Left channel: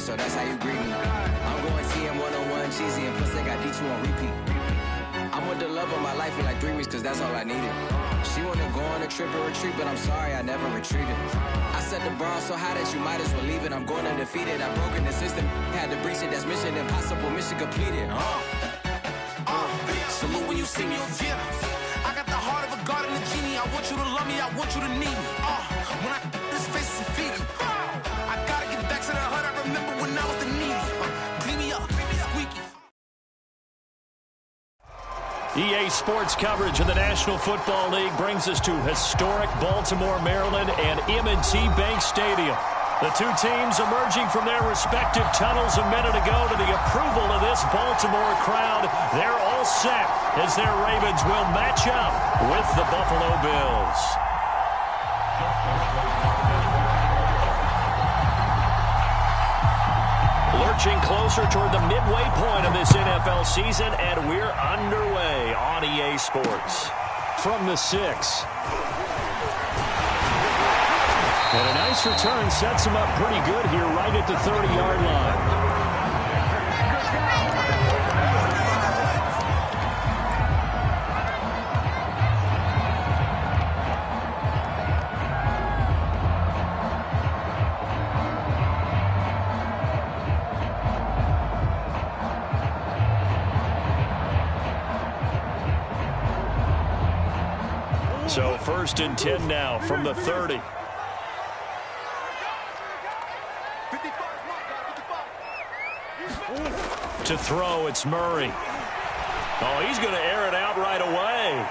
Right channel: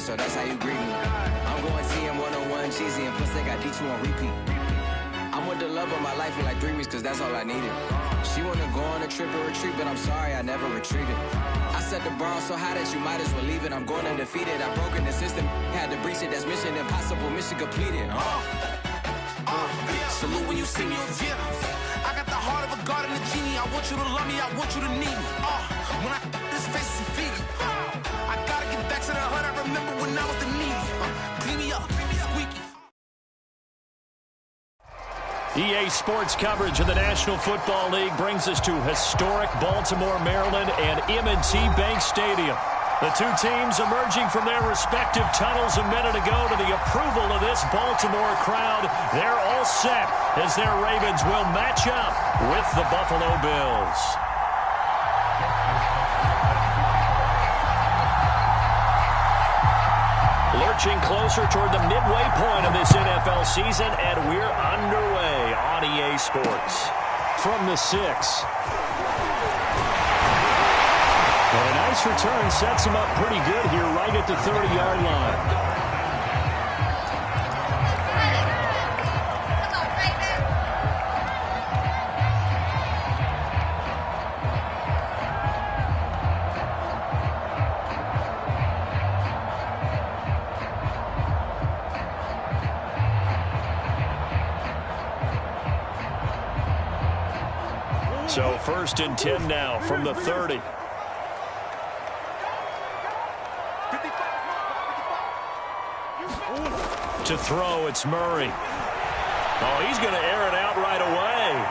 so that's how you greet me. I'm going TM 101, cheesy, and plus they got D2 on repeat. I'm with the love of my life for like 3 weeks, cause that's all I needed. She wanna go on a trip and retreat, but I'm sorry, I never retreated. I set the bar so high that you might as well leave it. I'm going undefeated, I've broken the system, had to breach it, that's mission impossible, mission completed. Salute when you see me, yeah. I got the heart of a god and a genie. I want you to love me, I want you to need me. When I this face is feedy. I gotta get back to the hood, I remember when I was the needy. Clean me up, squeaky. EA Sports coverage of the National Football League brings us to historic Baltimore, Maryland, and M&T Bank Stadium. The two teams emerging from their respective tunnels a minute ago to the approval of this Baltimore crowd. They're all set as their Ravens will match up with the Buffalo Bills. Lurching closer toward the midway point of this NFL season, and we're underway on EA Sports. From the 6. And a nice return sets him up pretty good here right at the 30-yard line. So 1st and 10 now from the 30. To throw, it's Murray. Oh, he's going to air it out right away.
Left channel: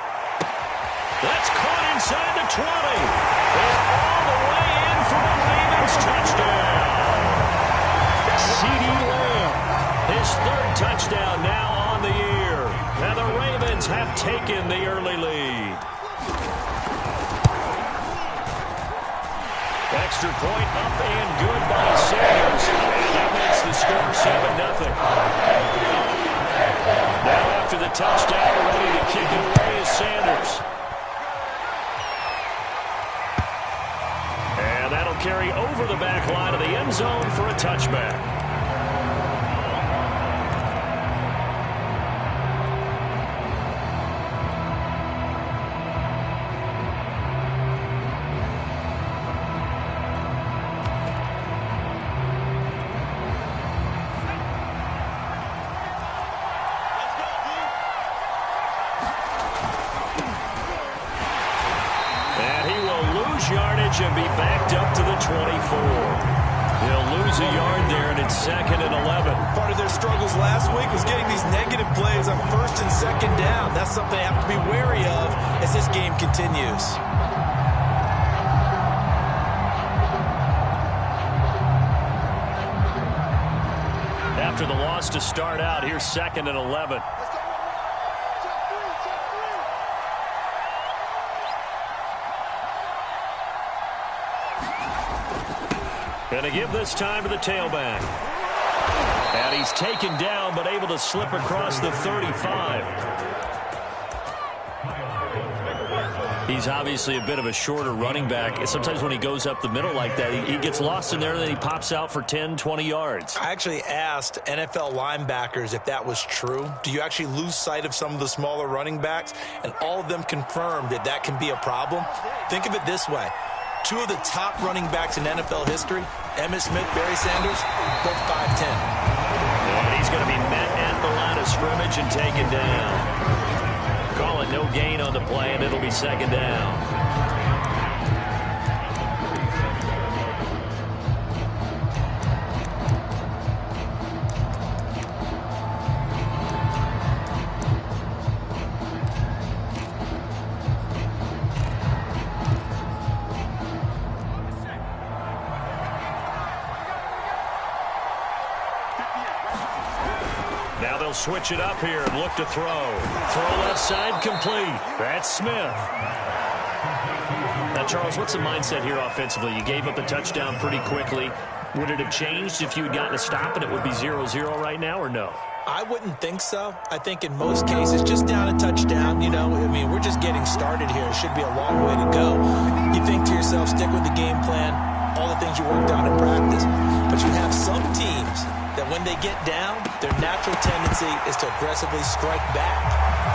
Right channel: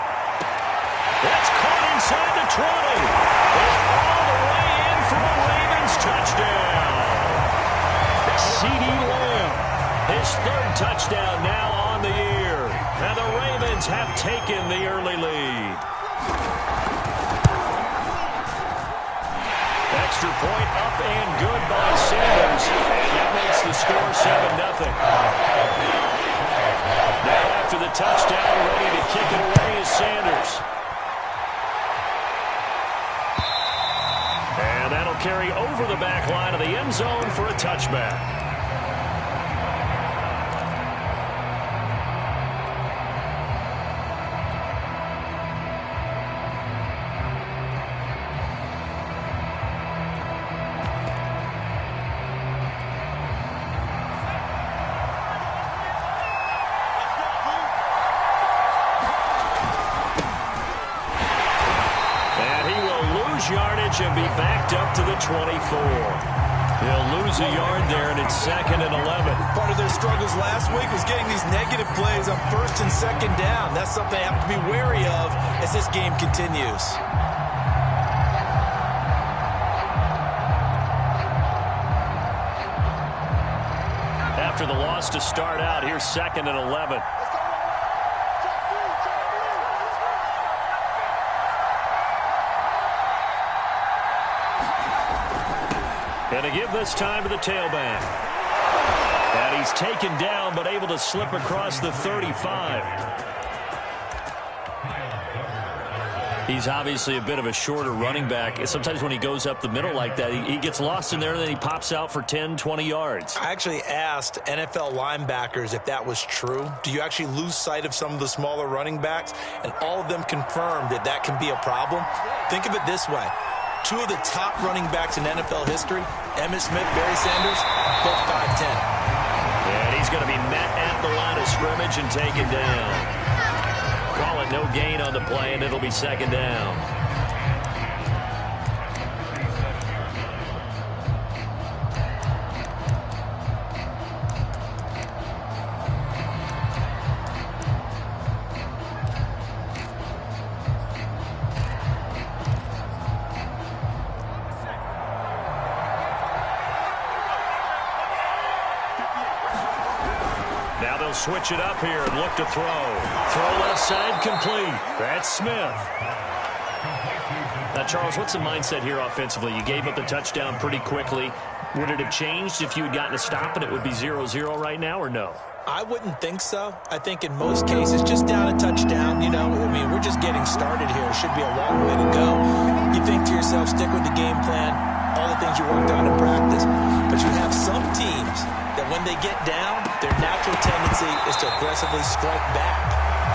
That's caught inside the 20. And all the way in for the Ravens touchdown. CeeDee Lamb, his 3rd touchdown now on the year. And the Ravens have taken the early lead. Extra point up and good by Sanders. And that makes the score 7-0. Now after the touchdown, ready to kick it away is Sanders. And that'll carry over the back line of the end zone for a touchback. Yardage and be backed up to the 24. He'll lose a yard there, and it's 2nd and 11. Part of their struggles last week was getting these negative plays on 1st and 2nd down. That's something they have to be wary of as this game continues. After the loss to start out, here's 2nd and 11. Going to give this time to the tailback. And he's taken down, but able to slip across the 35. He's obviously a bit of a shorter running back. Sometimes when he goes up the middle like that, he gets lost in there, and then he pops out for 10, 20 yards. I actually asked NFL linebackers if that was true. Do you actually lose sight of some of the smaller running backs? And all of them confirmed that that can be a problem. Think of it this way. 2 of the top running backs in NFL history, Emmitt Smith, Barry Sanders, both 5'10". And he's going to be met at the line of scrimmage and taken down. Call it no gain on the play, and it'll be 2nd down. Now they'll switch it up here and look to throw. Throw left side complete. That's Smith. Now, Charles, what's the mindset here offensively? You gave up the touchdown pretty quickly. Would it have changed if you had gotten a stop and it would be 0-0 right now, or no? I wouldn't think so. I think in most cases, just down a touchdown, you know, I mean, we're just getting started here. It should be a long way to go. You think to yourself, stick with the game plan. All the things you worked on in practice. But you have some teams that when they get down, their natural tendency is to aggressively strike back.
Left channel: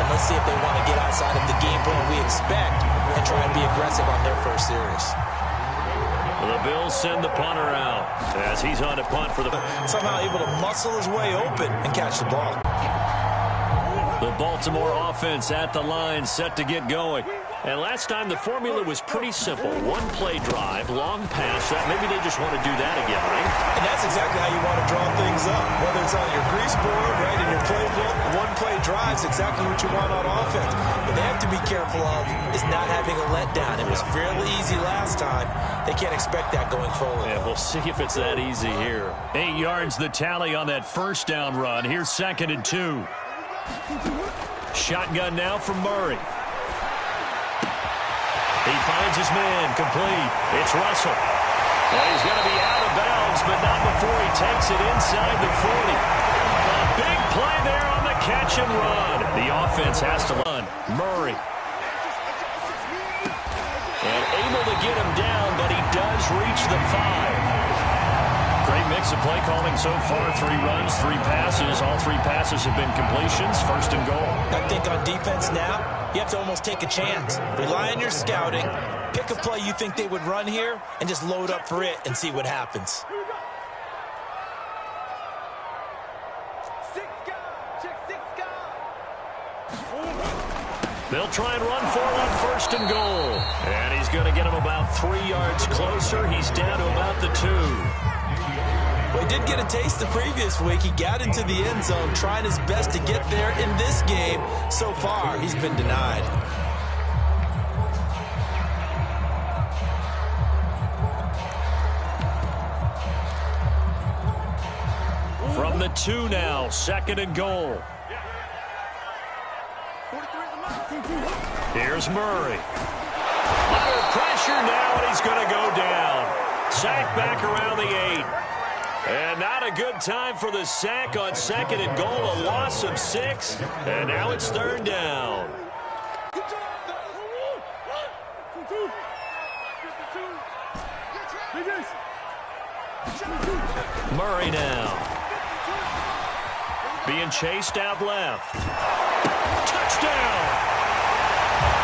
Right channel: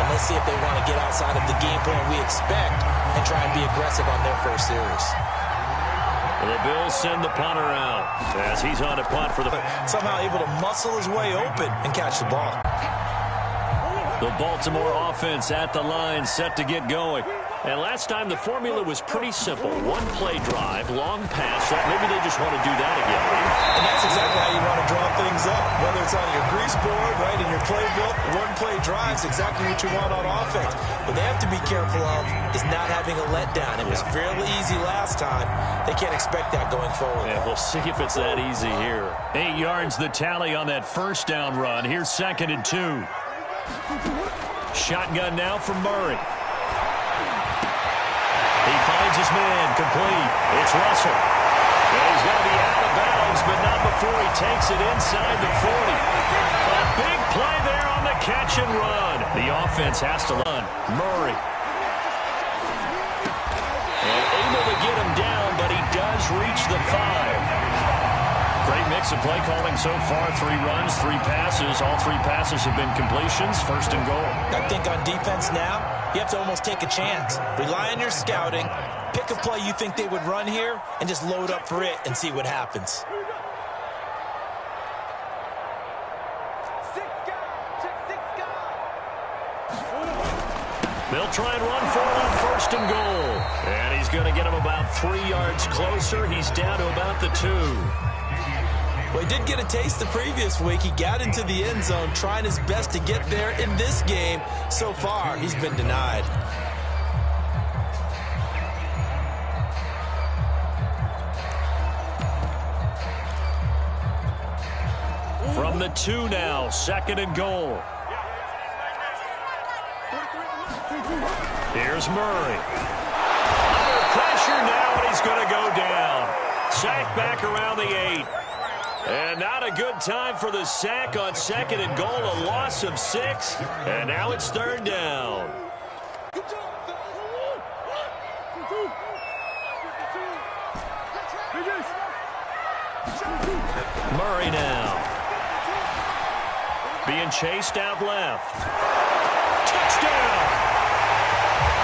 And let's see if they want to get outside of the game plan we expect and try and be aggressive on their first series. The Bills send the punter out as he's on to punt for the... Somehow able to muscle his way open and catch the ball. The Baltimore offense at the line, set to get going. And last time the formula was pretty simple. One play drive, long pass. Maybe they just want to do that again, right? And that's exactly how you want to draw things up. Whether it's on your grease board, right, in your playbook, one play drive is exactly what you want on offense. What they have to be careful of is not having a letdown. It was fairly easy last time. They can't expect that going forward. Yeah, we'll see if it's that easy here. 8 yards the tally on that first down run. Here's 2nd and 2. Shotgun now from Murray. He finds his man, complete. It's Russell. And he's going to be out of bounds, but not before he takes it inside the 40. A big play there on the catch and run. The offense has to run. Murray. And able to get him down, but he does reach the 5. Great mix of play calling so far. 3 runs, 3 passes. All 3 passes have been completions. 1st and goal. I think on defense now, you have to almost take a chance. Rely on your scouting. Pick a play you think they would run here and just load up for it and see what happens. They'll try and run for it on 1st and goal. And he's going to get him about 3 yards closer. He's down to about the 2. Well, he did get a taste the previous week. He got into the end zone trying his best to get there in this game. So far, he's been denied. From the 2 now, 2nd and goal. Here's Murray. Under pressure now, and he's going to go down. Sack back around the 8. And not a good time for the sack on 2nd and goal. A loss of 6. And now it's 3rd down. Murray now. Being chased out left. Touchdown!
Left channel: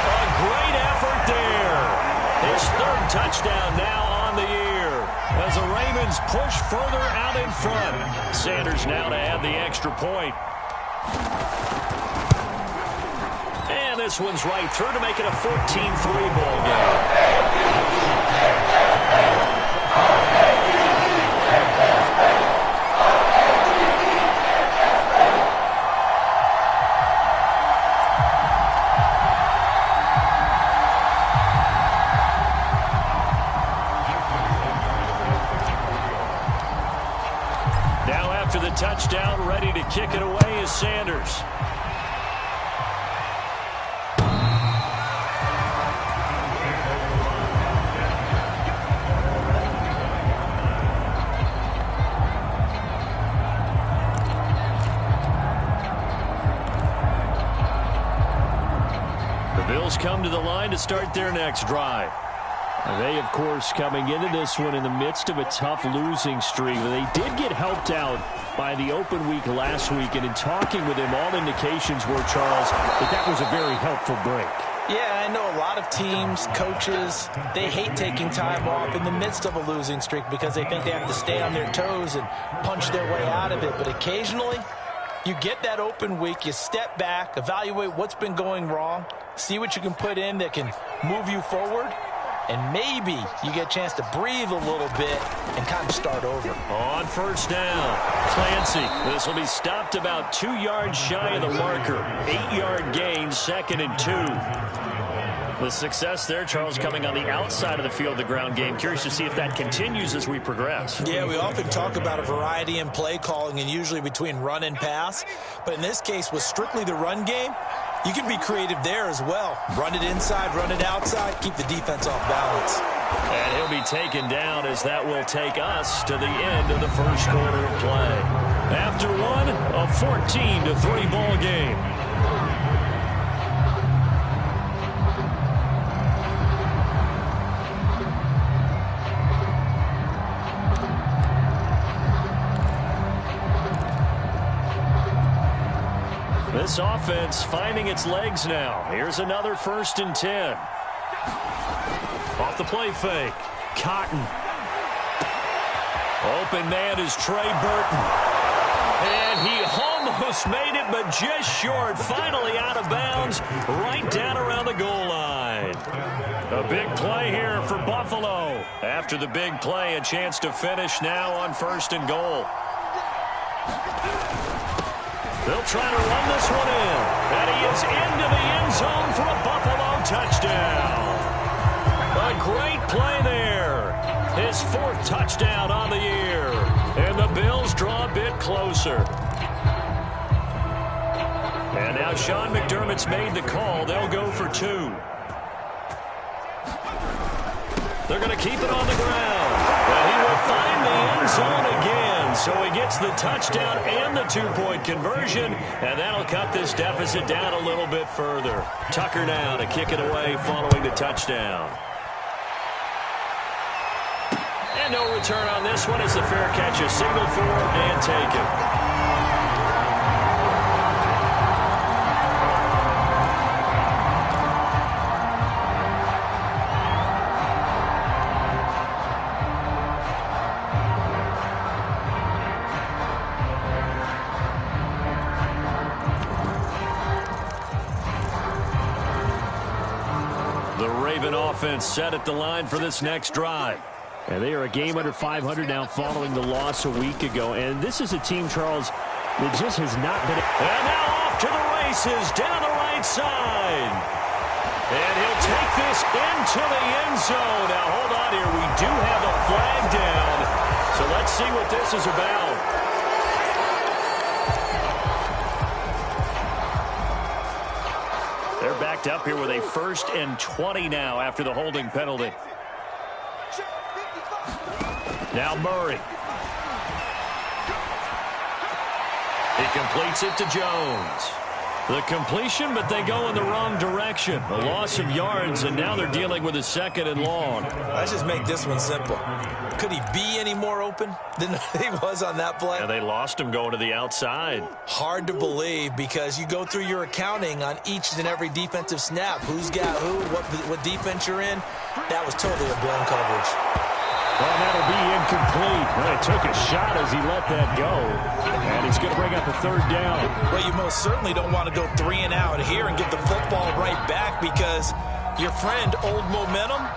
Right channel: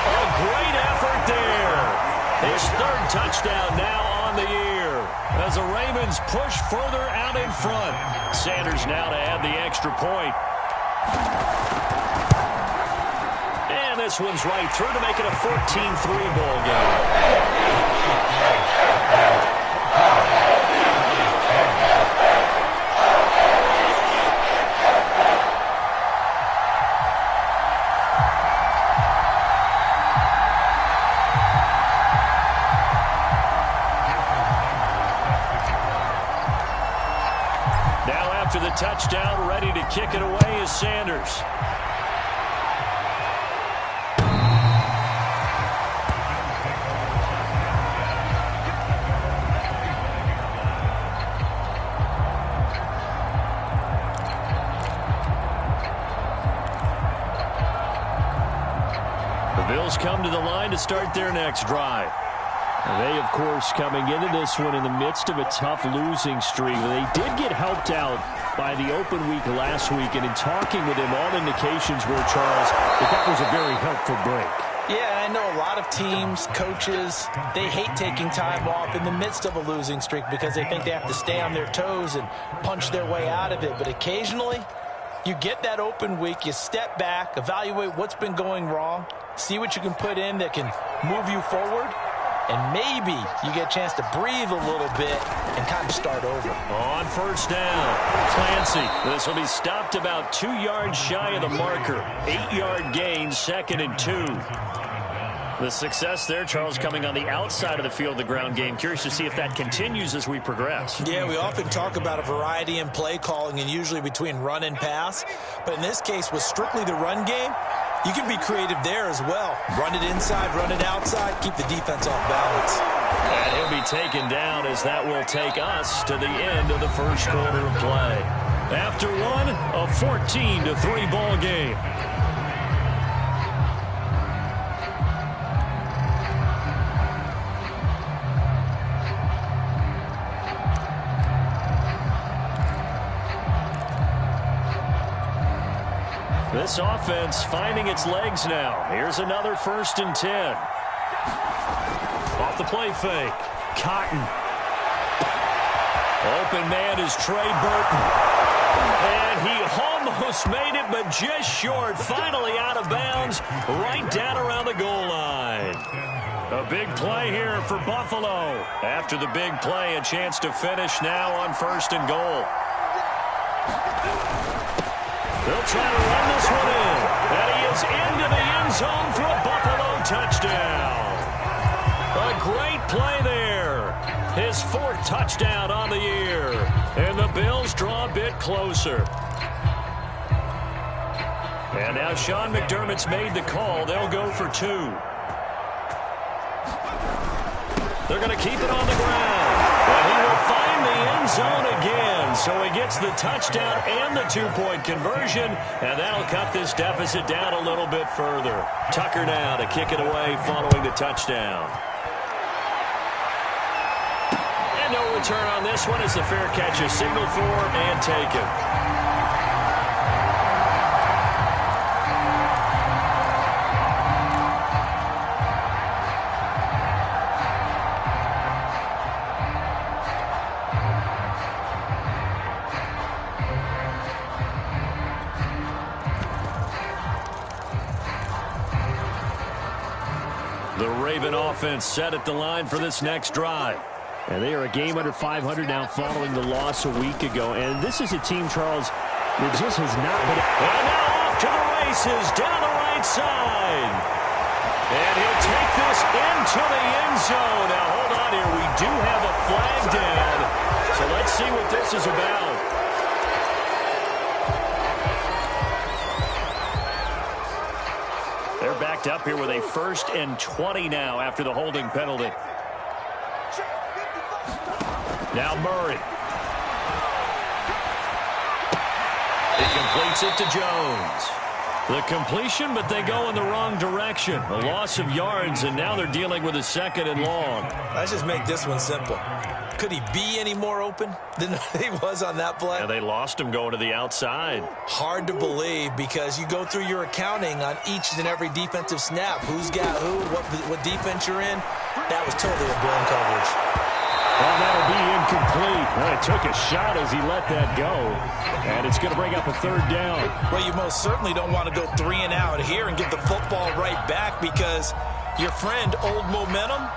A great effort there. His 3rd touchdown now on the year. As the Ravens push further out in front. Sanders now to add the extra point. And this one's right through to make it a 14-3 ball game. After the touchdown, ready to kick it away is Sanders. The Bills come to the line to start their next drive. They, of course, coming into this one in the midst of a tough losing streak. They did get helped out by the open week last week, and in talking with him, all indications were, Charles, that was a very helpful break. Yeah, I know a lot of teams, coaches, they hate taking time off in the midst of a losing streak because they think they have to stay on their toes and punch their way out of it. But occasionally, you get that open week, you step back, evaluate what's been going wrong, see what you can put in that can move you forward, and maybe you get a chance to breathe a little bit and kind of start over. On 1st down, Clancy. This will be stopped about 2 yards shy of the marker. 8-yard gain, 2nd and 2. The success there, Charles, coming on the outside of the field, the ground game. Curious to see if that continues as we progress. Yeah, we often talk about a variety in play calling and usually between run and pass. But in this case, with strictly the run game, you can be creative there as well. Run it inside, run it outside, keep the defense off balance. And he'll be taken down as that will take us to the end of the 1st quarter of play. After one, a 14-3 ball game. This offense finding its legs now. Here's another 1st and 10. Off the play fake. Cotton. Open man is Trey Burton. And he almost made it, but just short. Finally out of bounds, right down around the goal line. A big play here for Buffalo. After the big play, a chance to finish now on 1st and goal. They'll try to run this one in. And he is into the end zone for a Buffalo touchdown. A great play there. His 4th touchdown on the year. And the Bills draw a bit closer. And now Sean McDermott's made the call. They'll go for 2. They're going to keep it on the ground. But he will find the end zone again. So he gets the touchdown and the 2-point conversion. And that'll cut this deficit down a little bit further. Tucker now to kick it away following the touchdown. And no return on this one as the fair catch is signaled for and taken. The Raven offense set at the line for this next drive. And they are a game under 500 now following the loss a week ago. And this is a team, Charles, that just has not been... And now off to the races down the right side. And he'll take this into the end zone. Now hold on here. We do have a flag down. So let's see what this is about. They're backed up here with a 1st and 20 now after the holding penalty. Now Murray. He completes it to Jones. The completion, but they go in the wrong direction. A loss of yards, and now they're dealing with a 2nd and long. Let's just make this one simple. Could he be any more open than he was on that play? Yeah, they lost him going to the outside. Hard to believe because you go through your accounting on each and every defensive snap. Who's got who, what defense you're in. That was totally a blown coverage. Well, that'll be incomplete. Well, he took a shot as he let that go. And it's going to bring up a 3rd down. Well, you most certainly don't want to go 3 and out here and get the football right back because your friend, Old Momentum,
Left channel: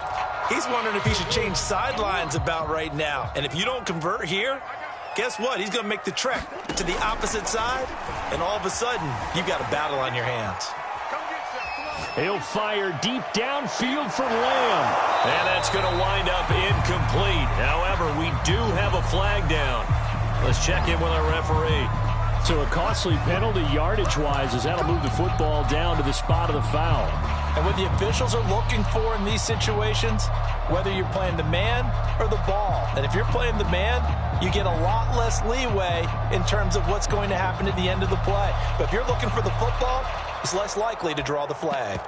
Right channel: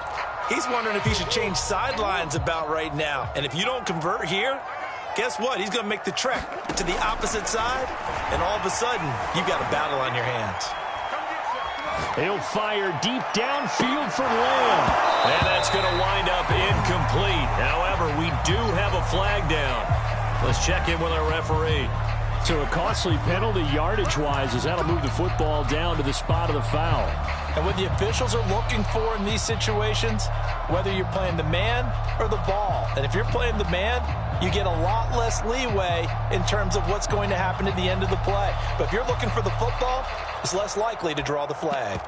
he's wondering if he should change sidelines about right now. And if you don't convert here, guess what? He's going to make the trek to the opposite side, and all of a sudden, you've got a battle on your hands. He'll fire deep downfield for Lamb. And that's going to wind up incomplete. However, we do have a flag down. Let's check in with our referee. So a costly penalty yardage-wise as that'll move the football down to the spot of the foul. And what the officials are looking for in these situations, whether you're playing the man or the ball. And if you're playing the man, you get a lot less leeway in terms of what's going to happen at the end of the play. But if you're looking for the football, it's less likely to draw the flag.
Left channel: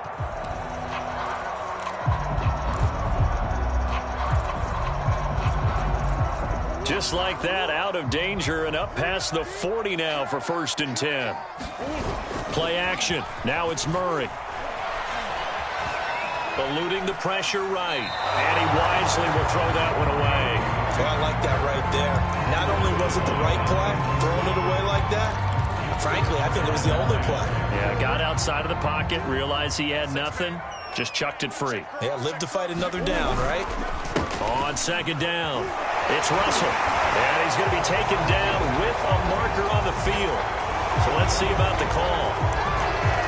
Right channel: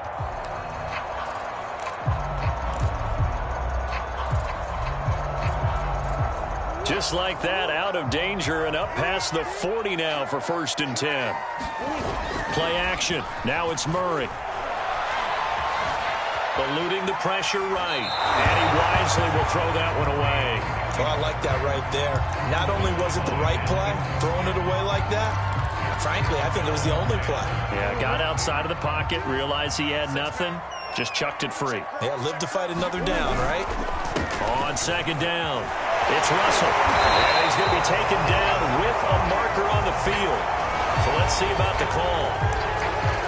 Just like that, out of danger and up past the 40 now for 1st and 10. Play action. Now it's Murray. Eluding the pressure right. And he wisely will throw that one away. Well, I like that right there. Not only was it the right play, throwing it away like that, frankly, I think it was the only play. Yeah, got outside of the pocket, realized he had nothing, just chucked it free. Yeah, live to fight another down, right? On 2nd down, it's Russell. And he's going to be taken down with a marker on the field. So let's see about the call.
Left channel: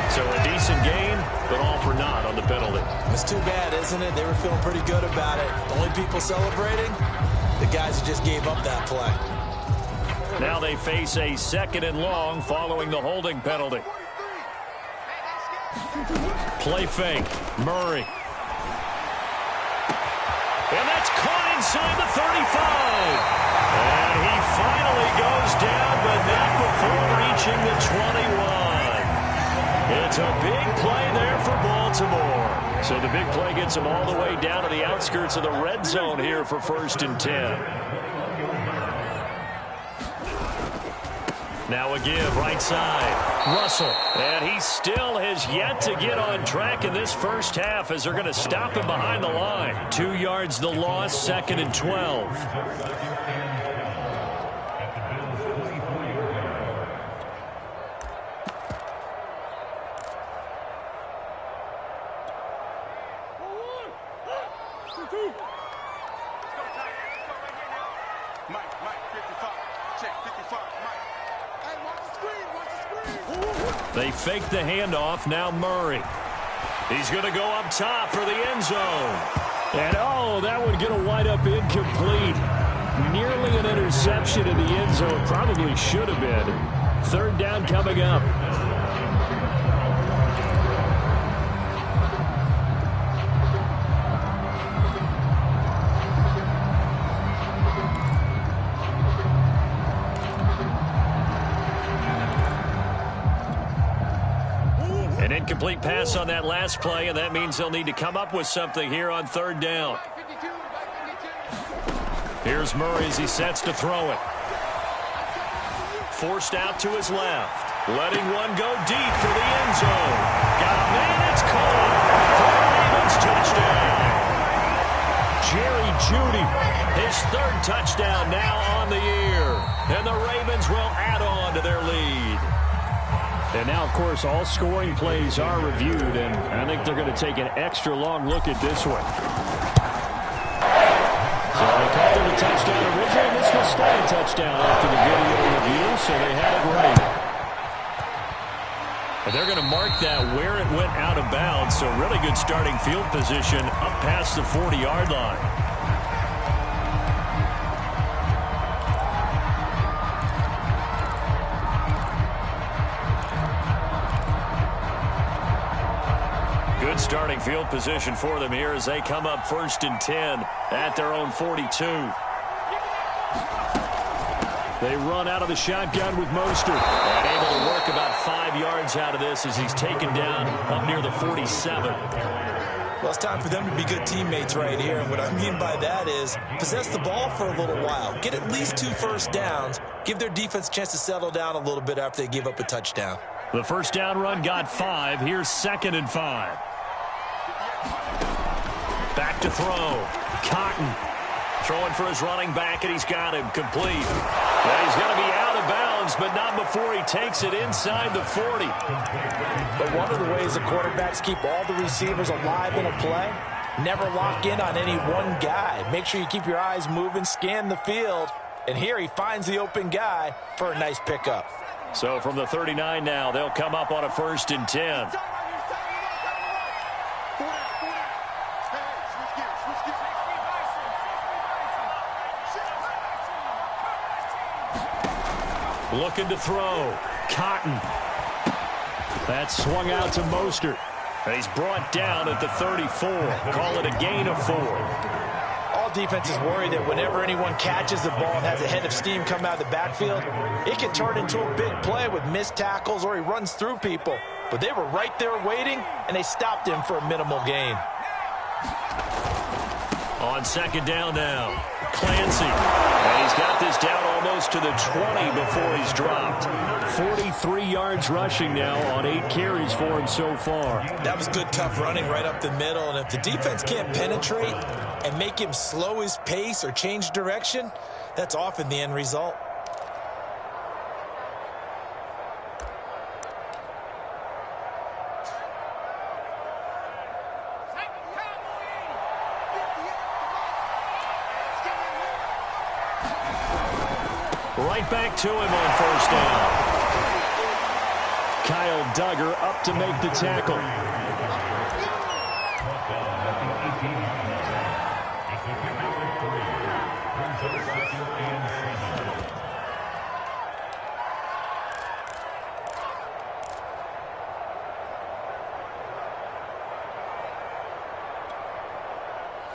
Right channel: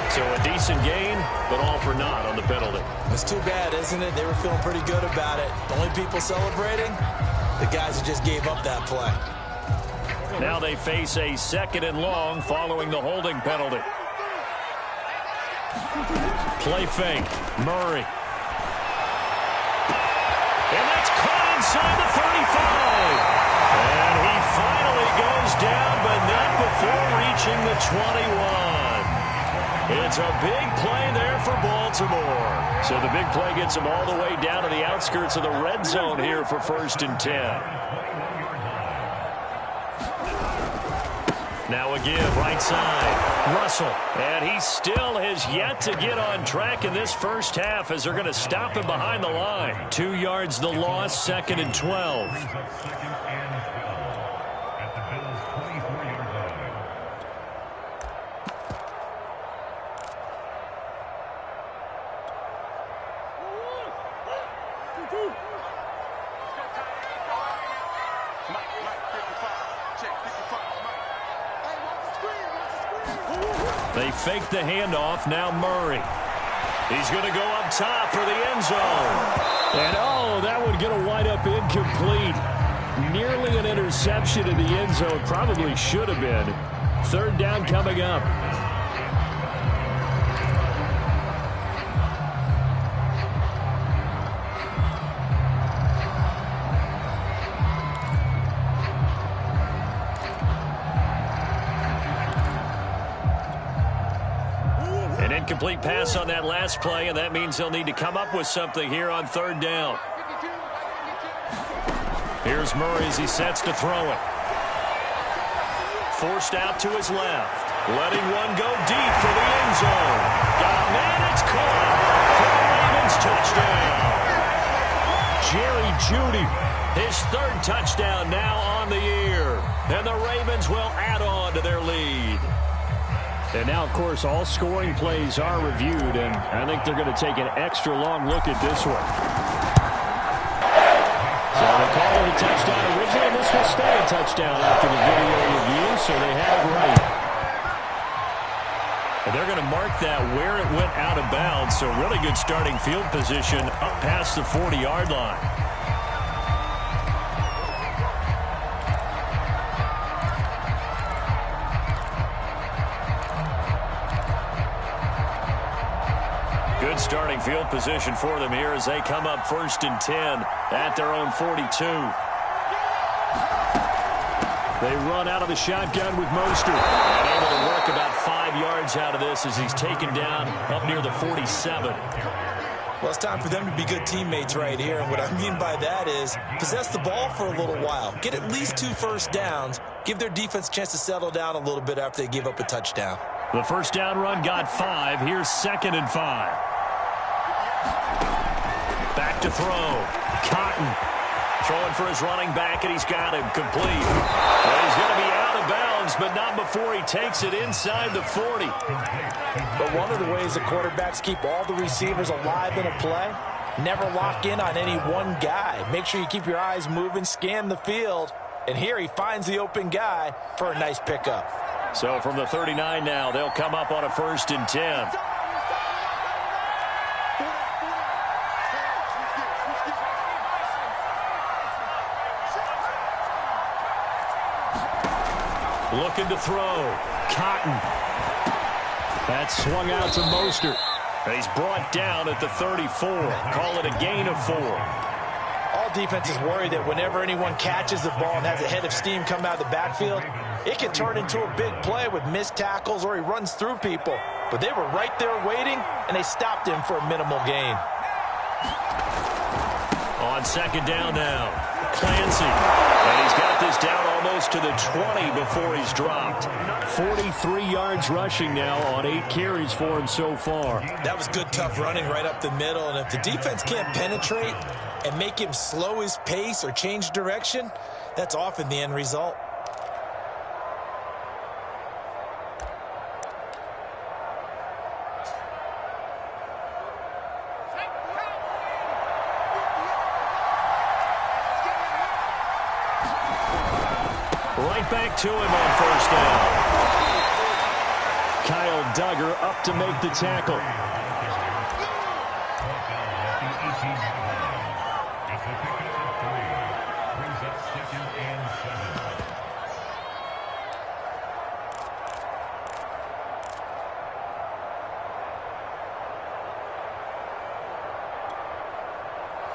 So a decent gain, but all for naught on the penalty. It's too bad, isn't it? They were feeling pretty good about it. The only people celebrating, the guys who just gave up that play. Now they face a 2nd and long following the holding penalty. Play fake. Murray. And that's caught inside the 35. And he finally goes down, but not before reaching the 21. It's a big play there for Baltimore. So the big play gets them all the way down to the outskirts of the red zone here for 1st and 10. Now a give, right side. Russell. And he still has yet to get on track in this first half as they're going to stop him behind the line. 2 yards the loss, 2nd and 12. They fake the handoff. Now Murray. He's going to go up top for the end zone. And, oh, that would get a wind up incomplete. Nearly an interception in the end zone. Probably should have been. 3rd down coming up. An incomplete pass on that last play, and that means they'll need to come up with something here on 3rd down. Here's Murray as he sets to throw it. Forced out to his left. Letting one go deep for the end zone. Got a man, it's caught for a Ravens touchdown. Jerry Jeudy, his 3rd touchdown now on the year. And the Ravens will add on to their lead. And now, of course, all scoring plays are reviewed, and I think they're going to take an extra long look at this one. So they called it a touchdown originally, and this will stay a touchdown after the video review, so they had it right. And they're going to mark that where it went out of bounds, so really good starting field position up past the 40-yard line. Good starting field position for them here as they come up 1st and 10 at their own 42. They run out of the shotgun with Mostert. And able to work about 5 yards out of this as he's taken down up near the 47. Well, it's time for them to be good teammates right here. And what I mean by that is possess the ball for a little while. Get at least 2 first downs. Give their defense a chance to settle down a little bit after they give up a touchdown. The first down run got 5. Here's 2nd and 5. Back to throw. Cotton throwing for his running back, and he's got him complete. And he's going to be out of bounds, but not before he takes it inside the 40. But one of the ways the quarterbacks keep all the receivers alive in a play, never lock in on any one guy. Make sure you keep your eyes moving, scan the field, and here he finds the open guy for a nice pickup. So from the 39 now, they'll come up on a 1st and 10. Looking to throw. Cotton. That swung out to Mostert. And he's brought down at the 34. Call it a gain of 4. All defenses worry that whenever anyone catches the ball and has a head of steam come out of the backfield, it can turn into a big play with missed tackles or he runs through people. But they were right there waiting, and they stopped him for a minimal gain. On 2nd down now, Clancy. And he's got this down almost to the 20 before he's dropped. 43 yards rushing now on 8 carries for him so far. That was good, tough running right up the middle. And if the defense can't penetrate and make him slow his pace or change direction, that's often the end result. Right back to him on 1st down. Kyle Duggar up to make the tackle.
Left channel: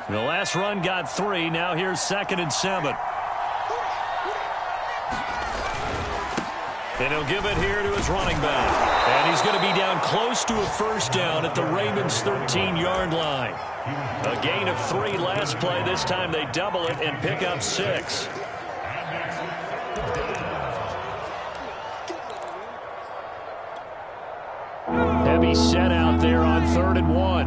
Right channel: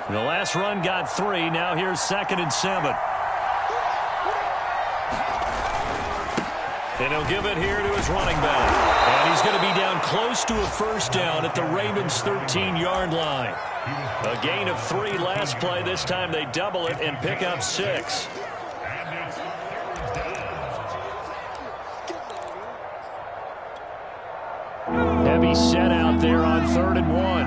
The last run got 3. Now here's 2nd and 7. And he'll give it here to his running back. And he's going to be down close to a 1st down at the Ravens' 13-yard line. A gain of 3 last play. This time they double it and pick up 6. He's set out there on 3rd and 1.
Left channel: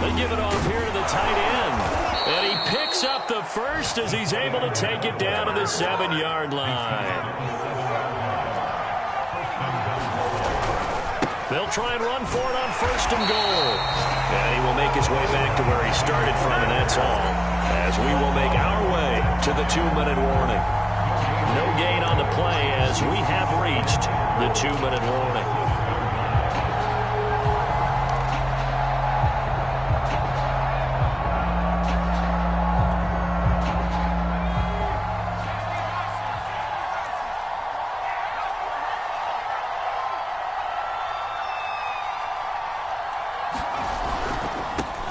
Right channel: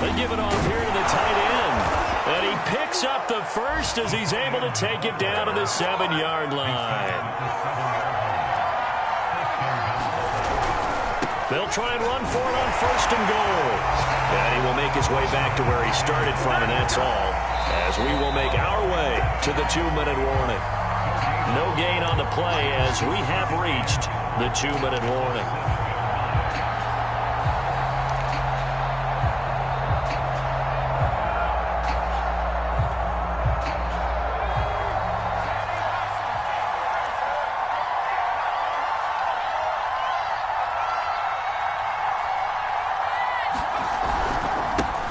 They give it off here to the tight end. And he picks up the first as he's able to take it down to the 7-yard line. They'll try and run for it on 1st and goal. And he will make his way back to where he started from, and that's all. As we will make our way to the 2-minute warning. No gain on the play as we have reached the 2-minute warning.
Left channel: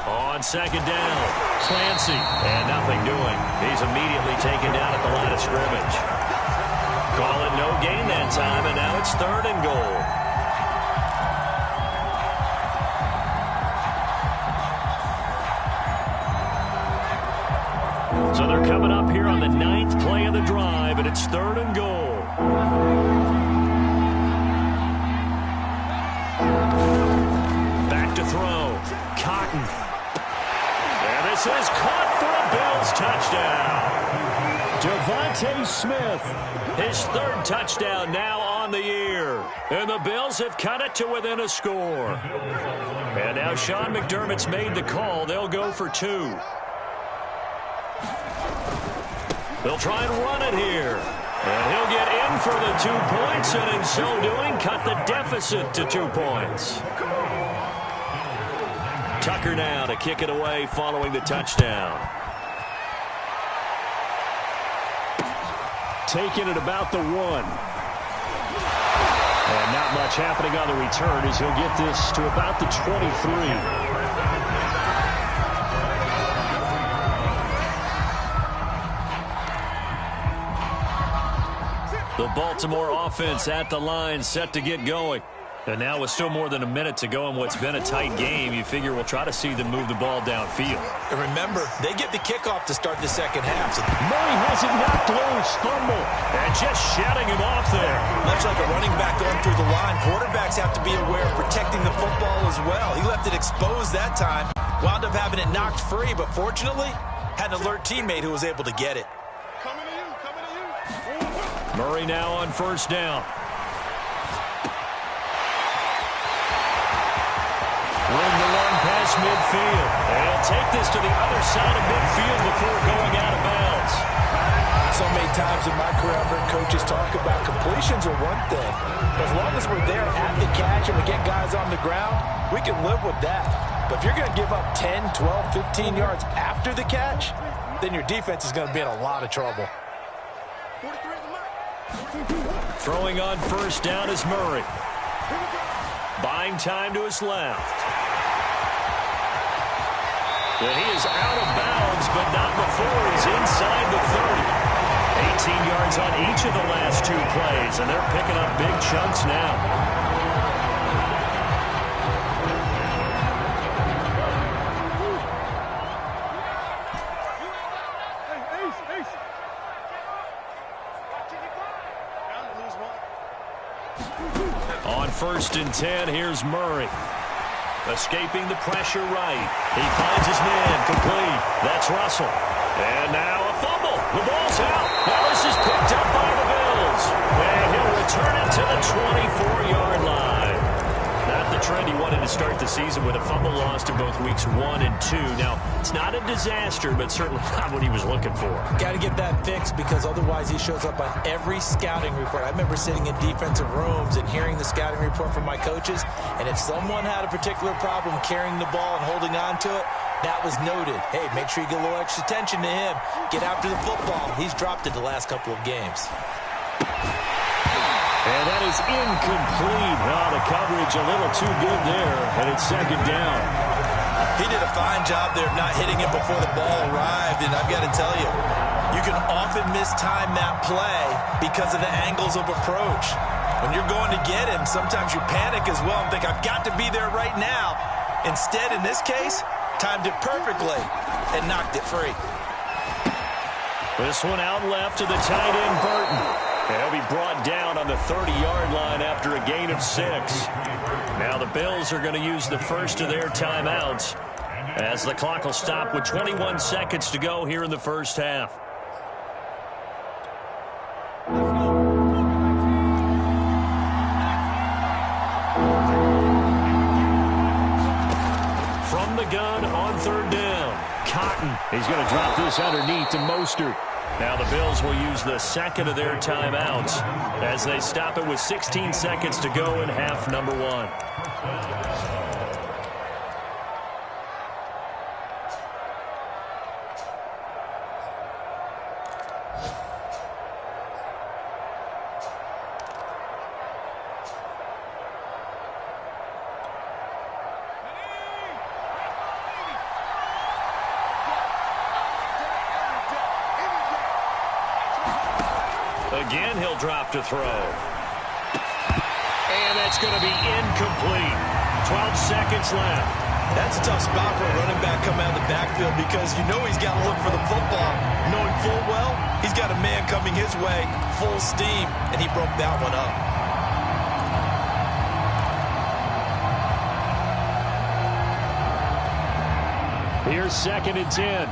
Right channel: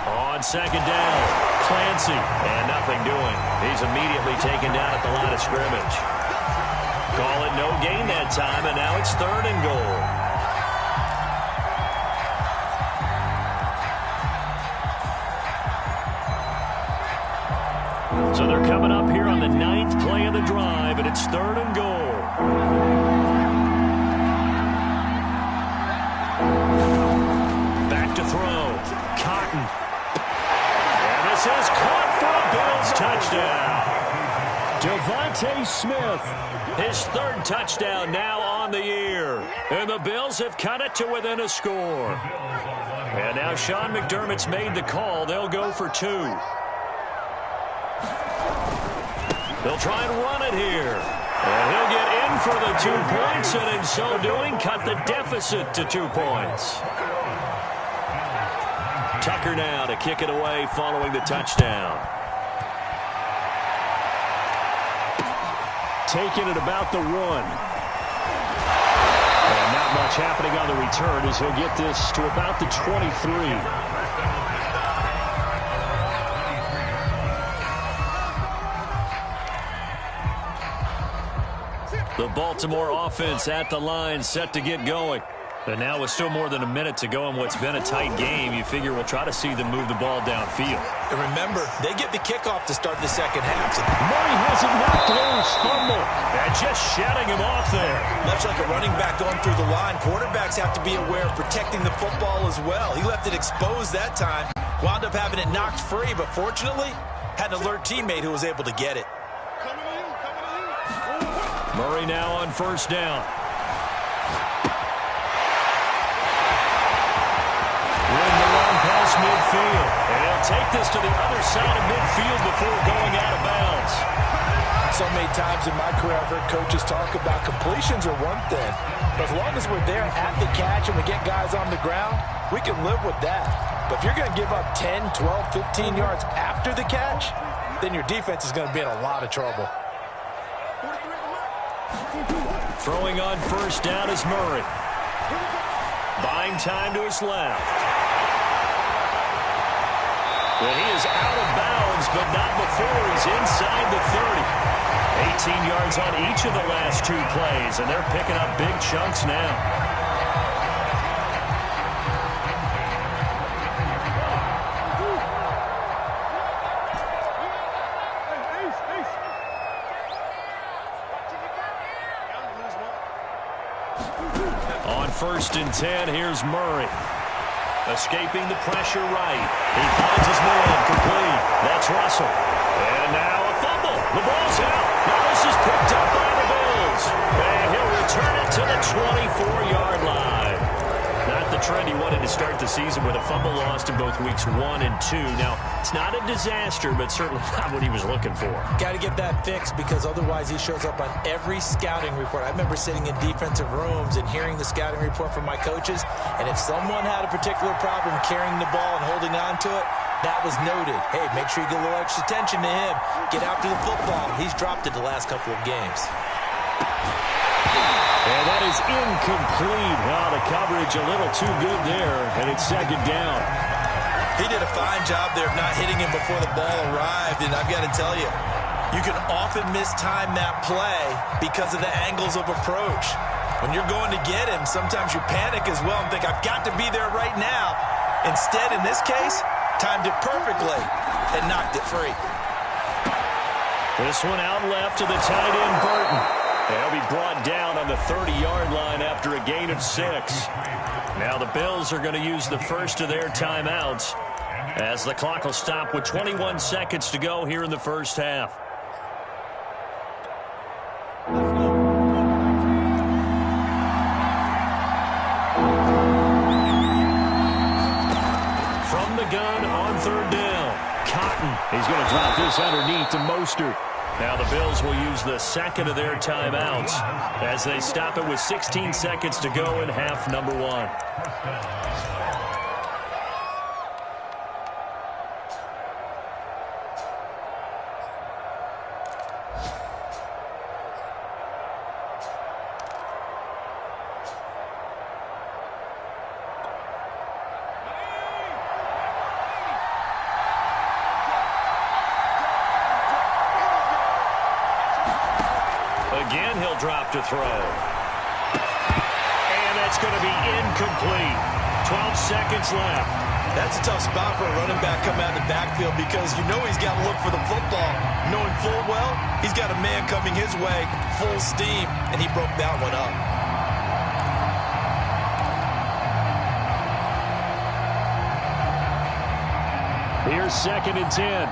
On 2nd down, Clancy, and nothing doing. He's immediately taken down at the line of scrimmage. Call it no gain that time, and now it's 3rd and goal. So they're coming up here on the 9th play of the drive, and it's 3rd and goal. Back to throw. Cotton. And this is caught for a Bills touchdown. Devontae Smith, his 3rd touchdown now on the year. And the Bills have cut it to within a score. And now Sean McDermott's made the call. They'll go for 2. They'll try and run it here. And he'll get in for the 2 points, and in so doing, cut the deficit to 2 points. Tucker now to kick it away following the touchdown. Taking it about the 1. And not much happening on the return as he'll get this to about the 23. The Baltimore offense at the line, set to get going. And now with still more than a minute to go in what's been a tight game, you figure we'll try to see them move the ball downfield. And remember, they get the kickoff to start the 2nd half. So Murray has it knocked loose, fumble, and just shutting him off there. Much like a running back going through the line, quarterbacks have to be aware of protecting the football as well. He left it exposed that time, wound up having it knocked free, but fortunately, had an alert teammate who was able to get it. Coming to you. Murray now on 1st down. Room to run past midfield. And he'll take this to the other side of midfield before going out of bounds. So many times in my career, I've heard coaches talk about completions are one thing. But as long as we're there at the catch and we get guys on the ground, we can live with that. But if you're going to give up 10, 12, 15 yards after the catch, then your defense is going to be in a lot of trouble. Throwing on 1st down is Murray. Buying time to his left. And he is out of bounds, but not before he's inside the 30. 18 yards on each of the last 2 plays, and they're picking up big chunks now. On 1st and 10, here's Murray. Escaping the pressure right. He finds his man complete. That's Russell. And now a fumble. The ball's out. Now this is picked up by the Bills. And he'll return it to the 24-yard line. Not the trend he wanted to start the season with a fumble lost in both weeks 1 and 2. Now, it's not a disaster, but certainly not what he was looking for. Got to get that fixed because otherwise he shows up on every scouting report. I remember sitting in defensive rooms and hearing the scouting report from my coaches, and if someone had a particular problem carrying the ball and holding on to it, that was noted. Hey, make sure you get a little extra attention to him. Get after the football. He's dropped it the last couple of games. And that is incomplete. Oh, the coverage a little too good there, and it's 2nd down. He did a fine job there of not hitting him before the ball arrived, and I've got to tell you, you can often mistime that play because of the angles of approach. When you're going to get him, sometimes you panic as well and think, I've got to be there right now. Instead, in this case, timed it perfectly and knocked it free. This one out left to the tight end, Burton. He'll be brought down on the 30-yard line after a gain of 6. Now the Bills are going to use the first of their timeouts as the clock will stop with 21 seconds to go here in the first half. From the gun on third down, Cotton. He's going to drop this underneath to Mostert. Now the Bills will use the second of their timeouts as they stop it with 16 seconds to go in half number 1. Again, he'll drop to throw. And that's going to be incomplete. 12 seconds left. That's a tough spot for a running back coming out of the backfield because you know he's got to look for the football, knowing full well he's got a man coming his way, full steam, and he broke that one up. Here's 2nd and 10.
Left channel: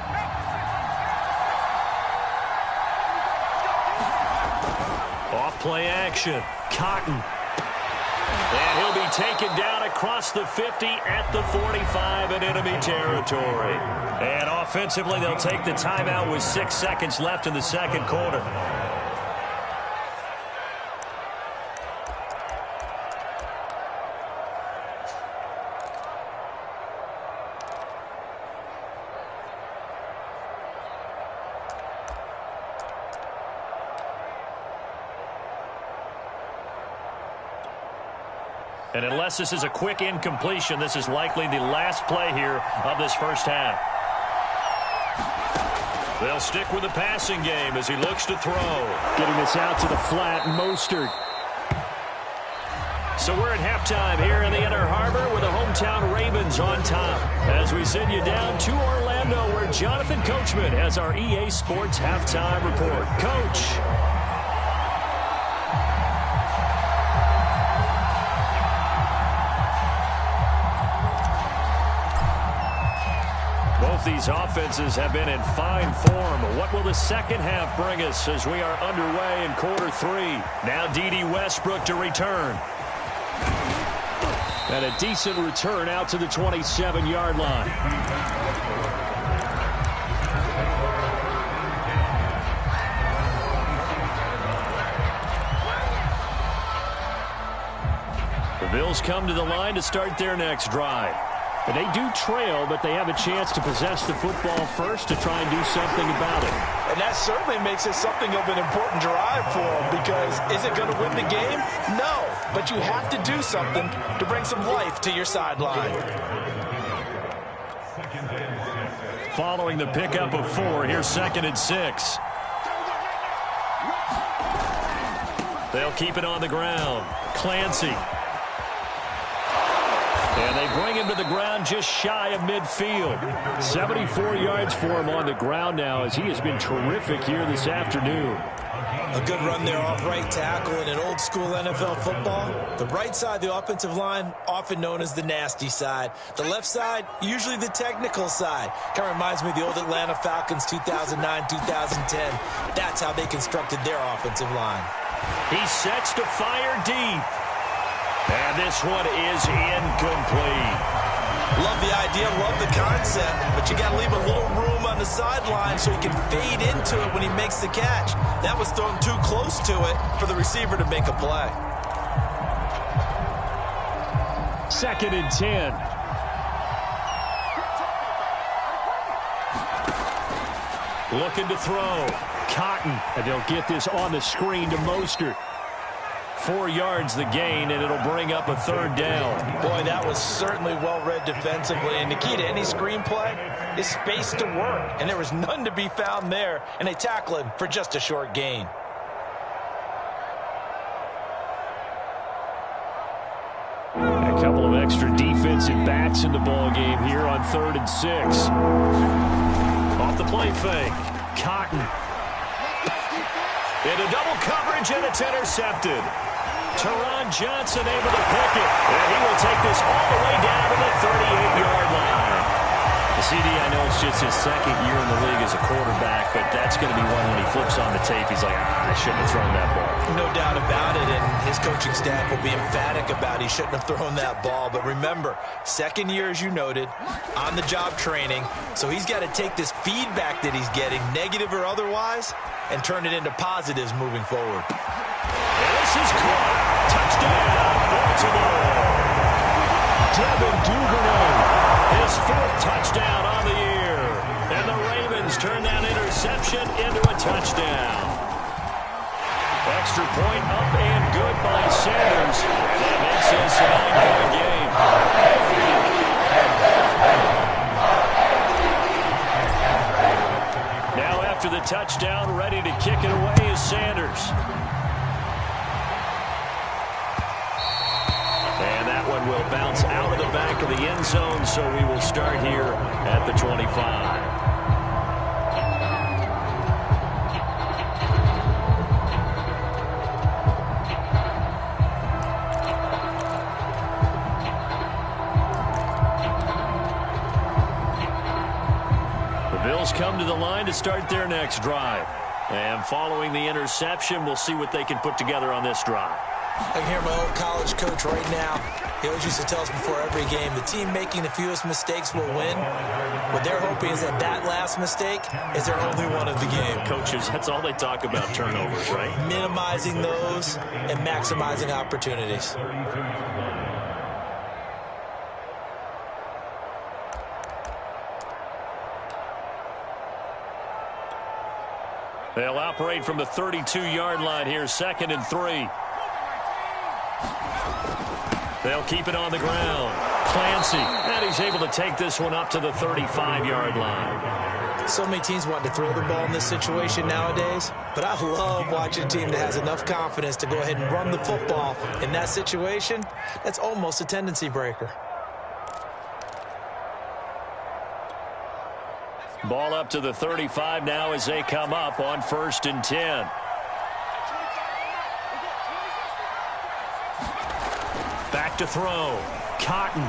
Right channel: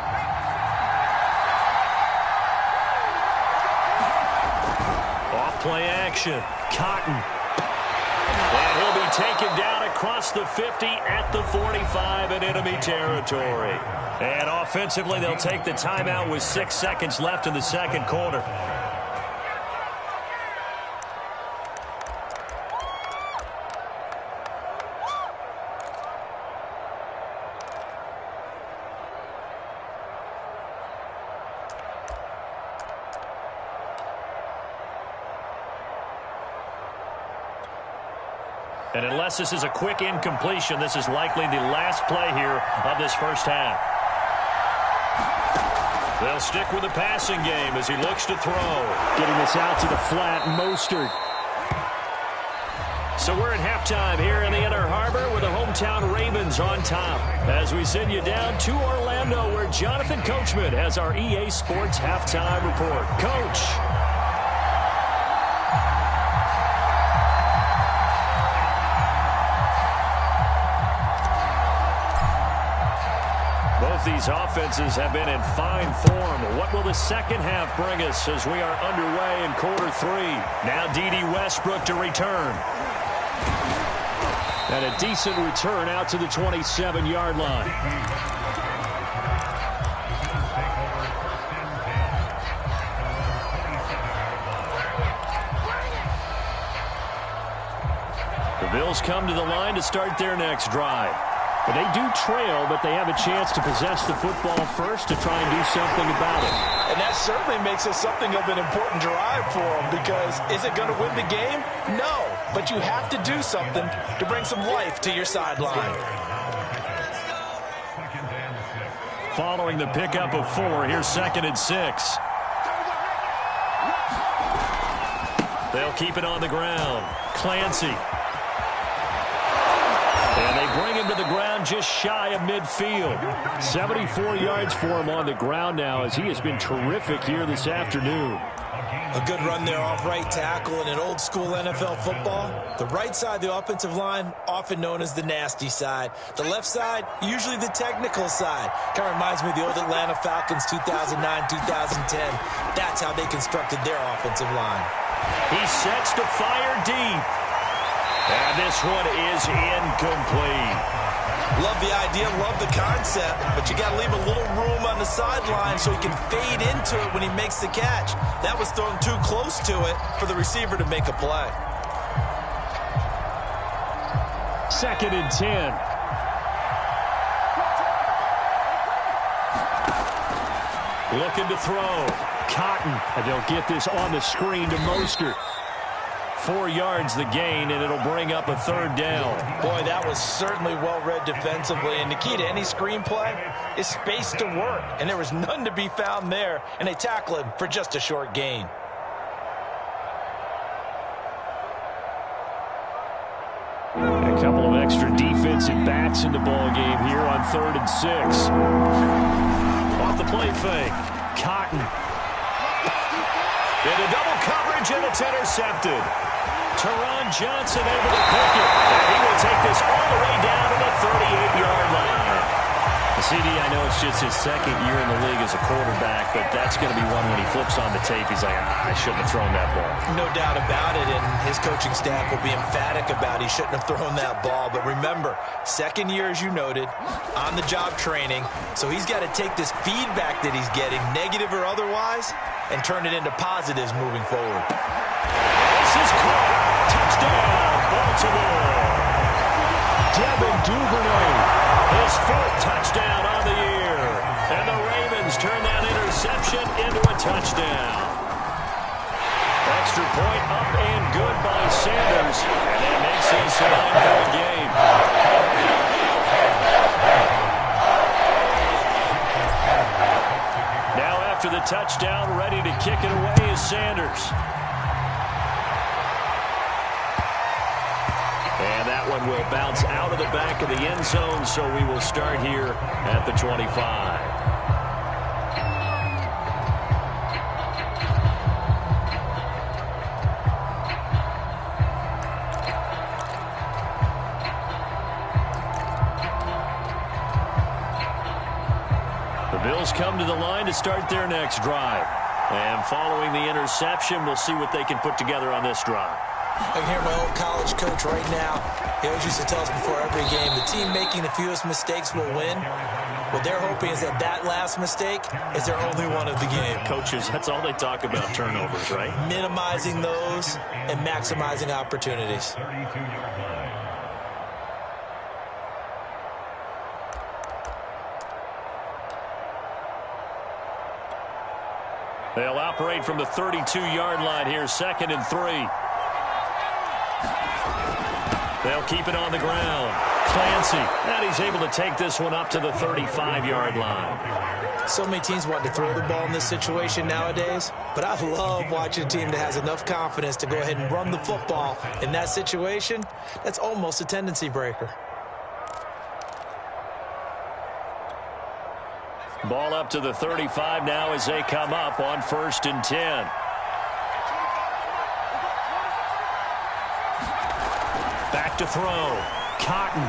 Play action. Cotton. And he'll be taken down across the 50 at the 45 in enemy territory. And offensively, they'll take the timeout with 6 seconds left in the second quarter. And unless this is a quick incompletion, this is likely the last play here of this first half. They'll stick with the passing game as he looks to throw. Getting this out to the flat, Mostert. So we're at halftime here in the Inner Harbor with the hometown Ravens on top. As we send you down to Orlando where Jonathan Coachman has our EA Sports halftime report. Coach. Both these offenses have been in fine form. What will the second half bring us as we are underway in quarter 3? Now D.D. Westbrook to return. And a decent return out to the 27-yard line. The Bills come to the line to start their next drive. But they do trail, but they have a chance to possess the football first to try and do something about it. And that certainly makes it something of an important drive for them because is it going to win the game? No, but you have to do something to bring some life to your sideline. Following the pickup of 4, here's 2nd and 6. They'll keep it on the ground. Clancy. And they bring him to the ground just shy of midfield. 74 yards for him on the ground now as he has been terrific here this afternoon. A good run there off right tackle in an old school NFL football. The right side of the offensive line, often known as the nasty side. The left side, usually the technical side. Kind of reminds me of the old Atlanta Falcons 2009, 2010. That's how they constructed their offensive line. He sets to fire deep. And this one is incomplete. Love the idea, love the concept, but you got to leave a little room on the sideline so he can fade into it when he makes the catch. That was thrown too close to it for the receiver to make a play. 2nd and 10. Looking to throw. Cotton. And they'll get this on the screen to Mostert. 4 yards the gain, and it'll bring up a 3rd down. Boy, that was certainly well-read defensively. And the key to any screenplay is space to work. And there was none to be found there. And they tackle him for just a short gain. A couple of extra defensive backs in the ball game here on 3rd and 6. Off the play fake. Cotton. Into double coverage, and it's intercepted. Teron Johnson able to pick it. And he will take this all the way down to the 38-yard line. CD, I know it's just his second year in the league as a quarterback, but that's going to be one when he flips on the tape, he's like, I shouldn't have thrown that ball. No doubt about it, and his coaching staff will be emphatic about he shouldn't have thrown that ball. But remember, second year, as you noted, on-the-job training, so he's got to take this feedback that he's getting, negative or otherwise, and turn it into positives moving forward. And this is caught. Touchdown, Baltimore. Devin Duvernay. His fourth touchdown on the year. And the Ravens turn that interception into a touchdown. Extra point up and good by Sanders. And that makes this a 9-point game. Now after the touchdown, ready to kick it away is Sanders. And that one will bounce out of the back of the end zone, so we will start here at the 25. The Bills come to the line to start their next drive. And following the interception, we'll see what they can put together on this drive. I can hear my old college coach right now. He always used to tell us before every game, the team making the fewest mistakes will win. What they're hoping is that that last mistake is their only one of the game. Coaches, that's all they talk about, turnovers, right? Minimizing those and maximizing opportunities. They'll operate from the 32-yard line here, 2nd and 3. They'll keep it on the ground. Clancy, and he's able to take this one up to the 35-yard line. So many teams want to throw the ball in this situation nowadays, but I love watching a team that has enough confidence to go ahead and run the football in that situation. That's almost a tendency breaker. Ball up to the 35 now as they come up on 1st and 10. Back to throw. Cotton.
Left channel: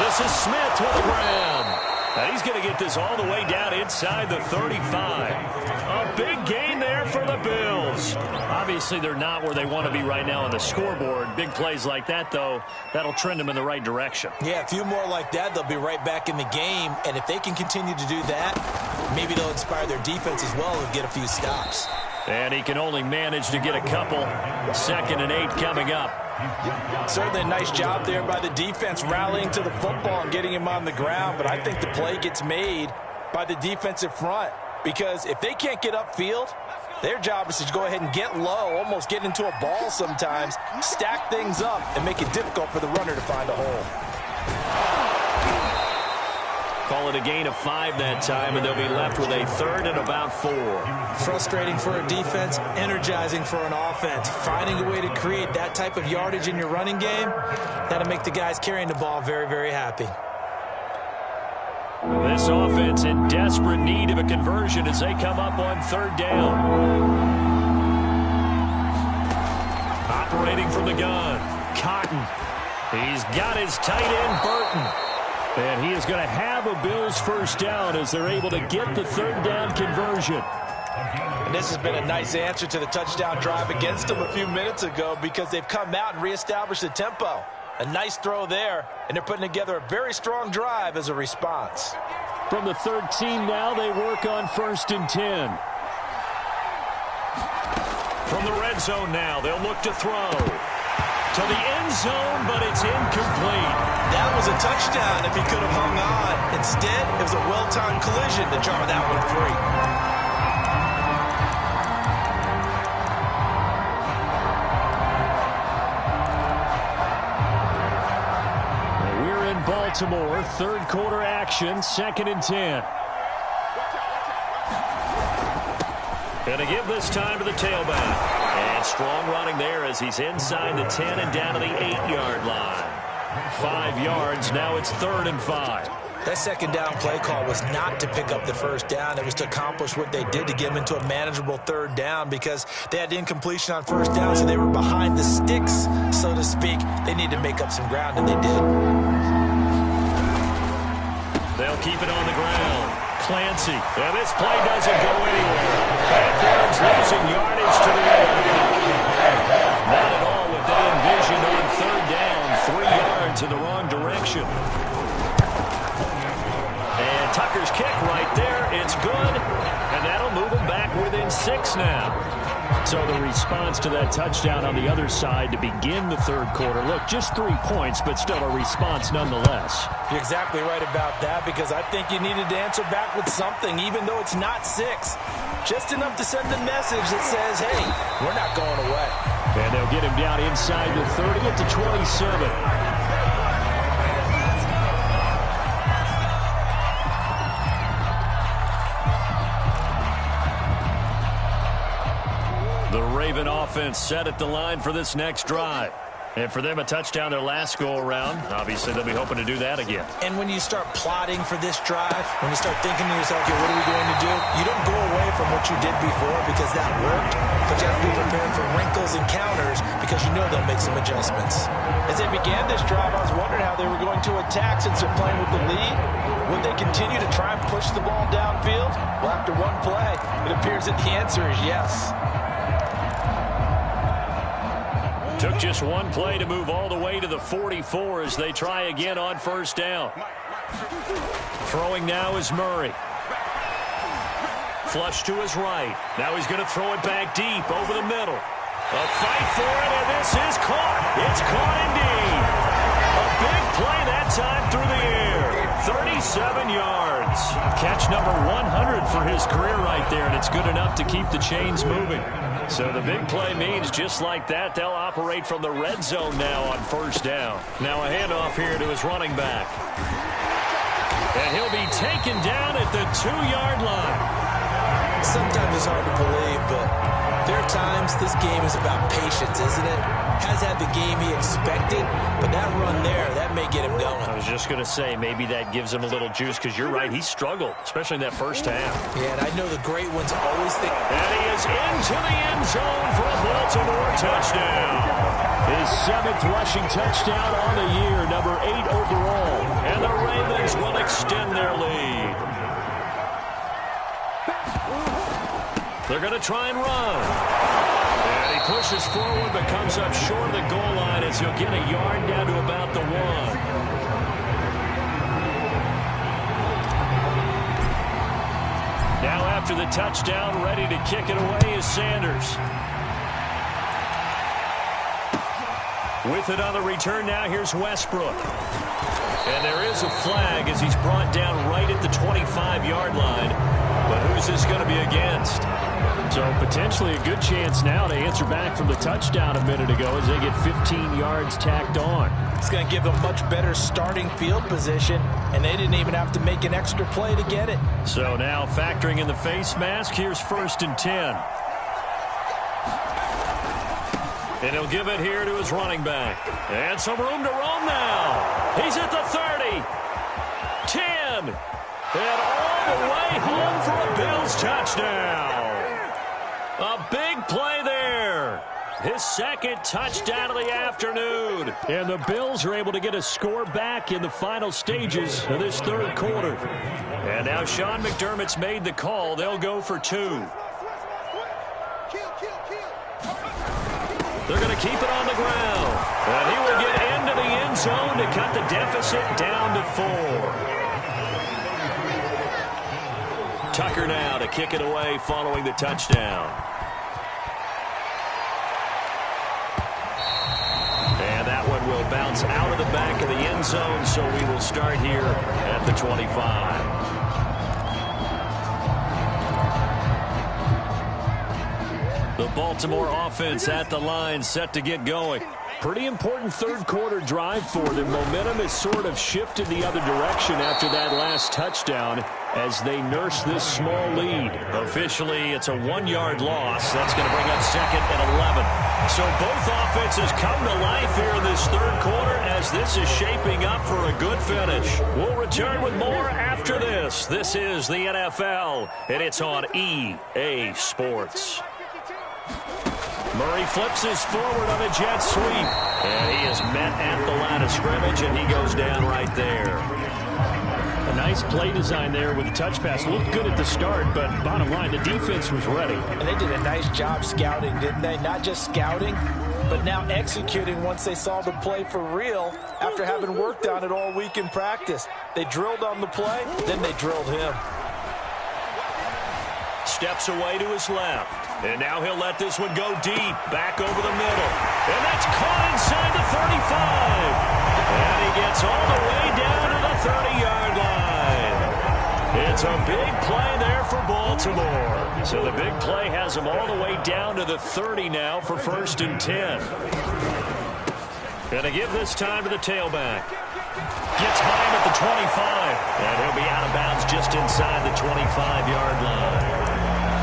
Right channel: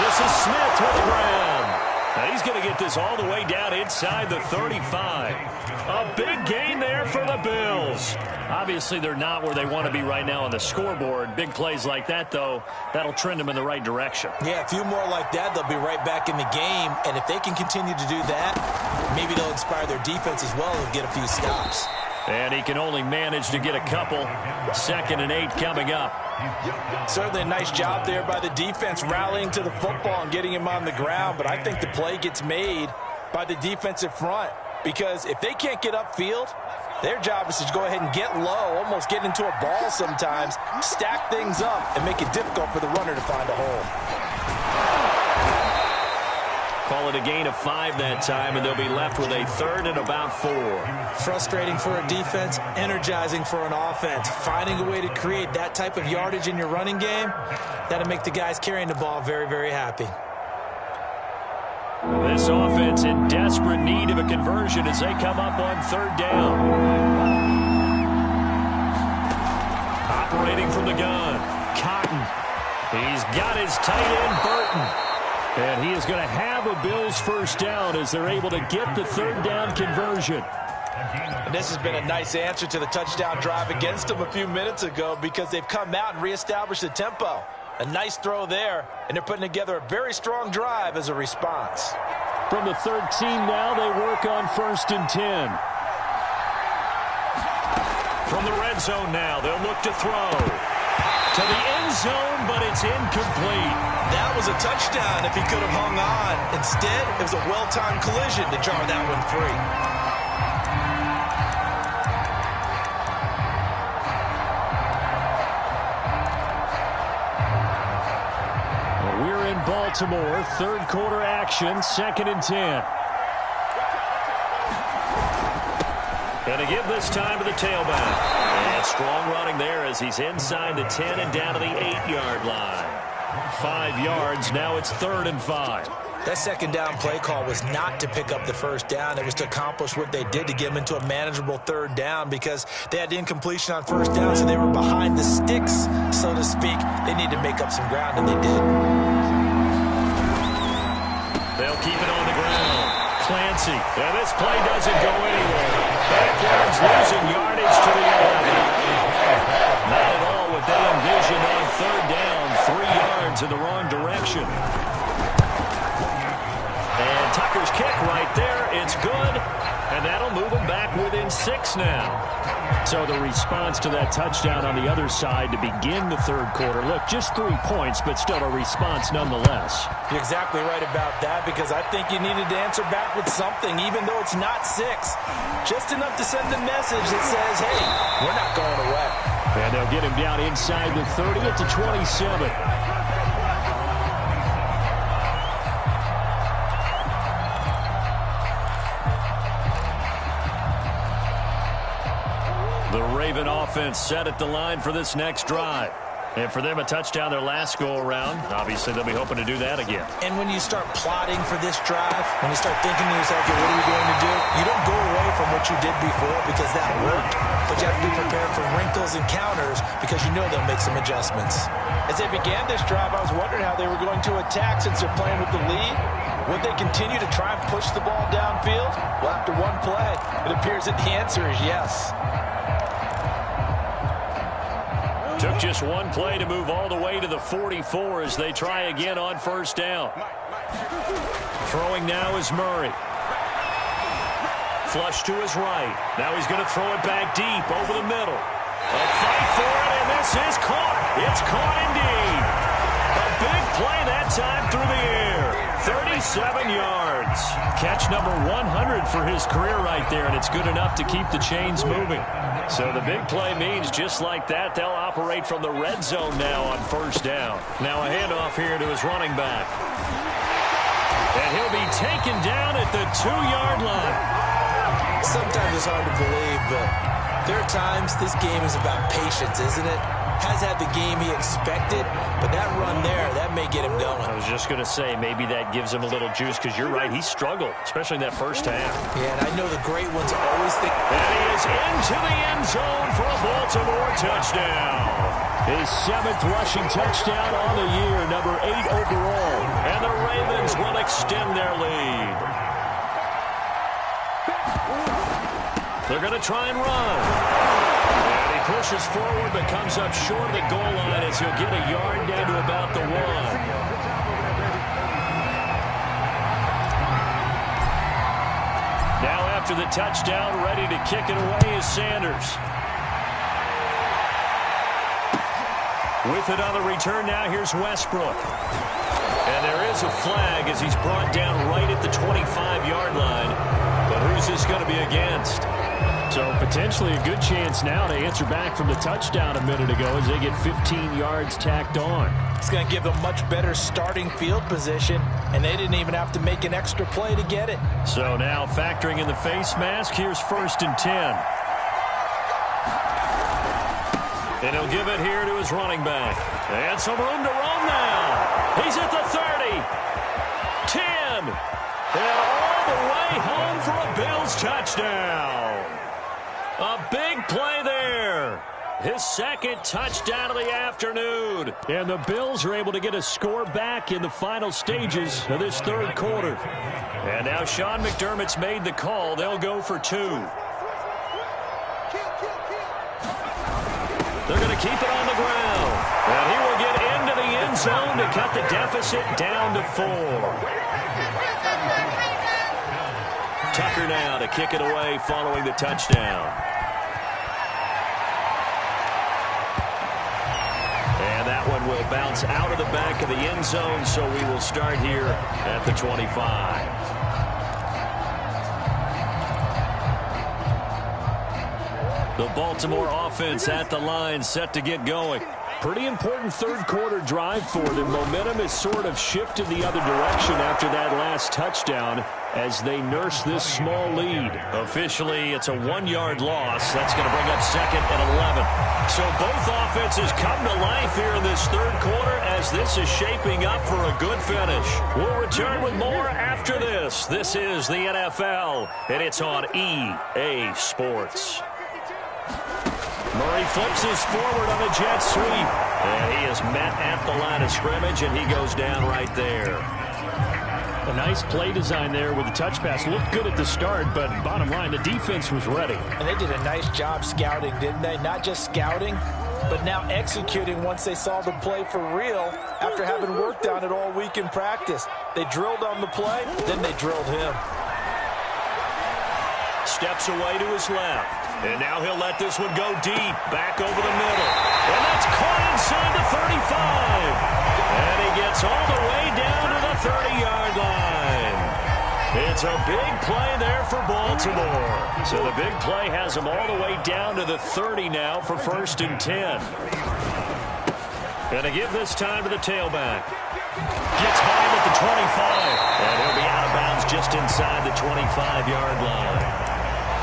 This is Smith with the grab. And he's going to get this all the way down inside the 35. A big gain there for the Bills. Obviously, they're not where they want to be right now on the scoreboard. Big plays like that, though, that'll trend them in the right direction. Yeah, a few more like that, they'll be right back in the game. And if they can continue to do that, maybe they'll inspire their defense as well and get a few stops. And he can only manage to get a couple. 2nd and 8 coming up. Certainly a nice job there by the defense rallying to the football and getting him on the ground. But I think the play gets made by the defensive front. Because if they can't get upfield, their job is to go ahead and get low, almost get into a ball sometimes, stack things up, and make it difficult for the runner to find a hole. Call it a gain of 5 that time, and they'll be left with a 3rd and about 4. Frustrating for a defense, energizing for an offense. Finding a way to create that type of yardage in your running game, that'll make the guys carrying the ball very, very happy. This offense in desperate need of a conversion as they come up on 3rd down. Operating from the gun, Cotton. He's got his tight end, Burton. And he is going to have a Bills first down as they're able to get the 3rd down conversion. And this has been a nice answer to the touchdown drive against them a few minutes ago because they've come out and reestablished the tempo. A nice throw there, and they're putting together a very strong drive as a response. From the 13 now, they work on 1st and 10. From the red zone now, they'll look to throw. To the end zone, but it's incomplete. That was a touchdown if he could have hung on. Instead, it was a well-timed collision to jar that one free. We're in Baltimore, 3rd quarter action, 2nd and 10. Going to give this time to the tailback. And strong running there as he's inside the 10 and down to the 8-yard line. 5 yards, now it's 3rd and 5. That second down play call was not to pick up the first down. It was to accomplish what they did to get them into a manageable third down because they had incompletion on first down, so they were behind the sticks, so to speak. They need to make up some ground, and they did. They'll keep it on the ground. Clancy. And this play doesn't go anywhere. Backwards, losing yardage to the 11. Not at all what they envisioned on third down. 3 yards in the wrong direction. And Tucker's kick right there. It's good. And that'll move them back within 6 now. So the response to that touchdown on the other side to begin the third quarter. Look, just 3 points, but still a response nonetheless. You're exactly right about that because I think you needed to answer back with something, even though it's not 6. Just enough to send the message that says, hey, we're not going away. And they'll get him down inside the 30 at the 27. The Raven offense set at the line for this next drive. And for them, a touchdown their last go-around. Obviously, they'll be hoping to do that again. And when you start plotting for this drive, when you start thinking to yourself, okay, what are we going to do? You don't go away from what you did before because that worked, but you have to be prepared for wrinkles and counters because you know they'll make some adjustments. As they began this drive, I was wondering how they were going to attack since they're playing with the lead. Would they continue to try and push the ball downfield? Well, after one play, it appears that the answer is yes. Took just one play to move all the way to the 44 as they try again on first down. Throwing now is Murray. Flush to his right. Now he's going to throw it back deep over the middle. A fight for it, and this is caught. It's caught indeed. A big play that time through the air. 37 yards. Catch number 100 for his career right there, and it's good enough to keep the chains moving. So the big play means just like that, they'll operate from the red zone now on first down. Now a handoff here to his running back. And he'll be taken down at the 2-yard line. Sometimes it's hard to believe, but there are times this game is about patience, isn't it? Has had the game he expected, but that run there, that may get him going. I was just going to say, maybe that gives him a little juice, because you're right, he struggled, especially in that first half. Yeah, and I know the great ones always think... And he is into the end zone for a Baltimore touchdown. His 7th rushing touchdown on the year, number 8 overall. And the Ravens will extend their lead. They're going to try and run. And he pushes forward but comes up short of the goal line as he'll get a yard down to about the 1. Now after the touchdown, ready to kick it away is Sanders. With it on the return now, here's Westbrook. And there is a flag as he's brought down right at the 25-yard line. But who's this going to be against? So potentially a good chance now to answer back from the touchdown a minute ago as they get 15 yards tacked on. It's going to give them much better starting field position, and they didn't even have to make an extra play to get it. So now factoring in the face mask, here's 1st and 10. And he'll give it here to his running back. And some room to roam now. He's at the 30. 10. And all the way home for a Bills touchdown. A big play there. His 2nd touchdown of the afternoon. And the Bills are able to get a score back in the final stages of this third quarter. And now Sean McDermott's made the call. They'll go for 2. They're going to keep it on the ground. And he will get into the end zone to cut the deficit down to 4. Tucker now to kick it away following the touchdown. And that one will bounce out of the back of the end zone, so we will start here at the 25. The Baltimore offense at the line, set to get going. Pretty important third quarter drive for them. Momentum has sort of shifted the other direction after that last touchdown. as they nurse this small lead. Officially, it's a 1-yard loss. That's going to bring up second and 11. So both offenses come to life here in this third quarter as this is shaping up for a good finish. We'll return with more after this. This is the NFL, and it's on EA Sports. Murray flips his forward on a jet sweep, and he is met at the line of scrimmage, and he goes down right there. A nice play design there with the touch pass. Looked good at the start, but bottom line, the defense was ready. And they did a nice job scouting, didn't they? Not just scouting, but now executing once they saw the play for real after having worked on it all week in practice. They drilled on the play, then they drilled him. Steps away to his left. And now he'll let this one go deep, back over the middle. And that's caught inside the 35. And he gets all the way down to the 30-yard line. It's a big play there for Baltimore. So the big play has him all the way down to the 30 now for 1st and 10. Gonna give this time to the tailback. Gets by him at the 25. And he'll be out of bounds just inside the 25-yard line.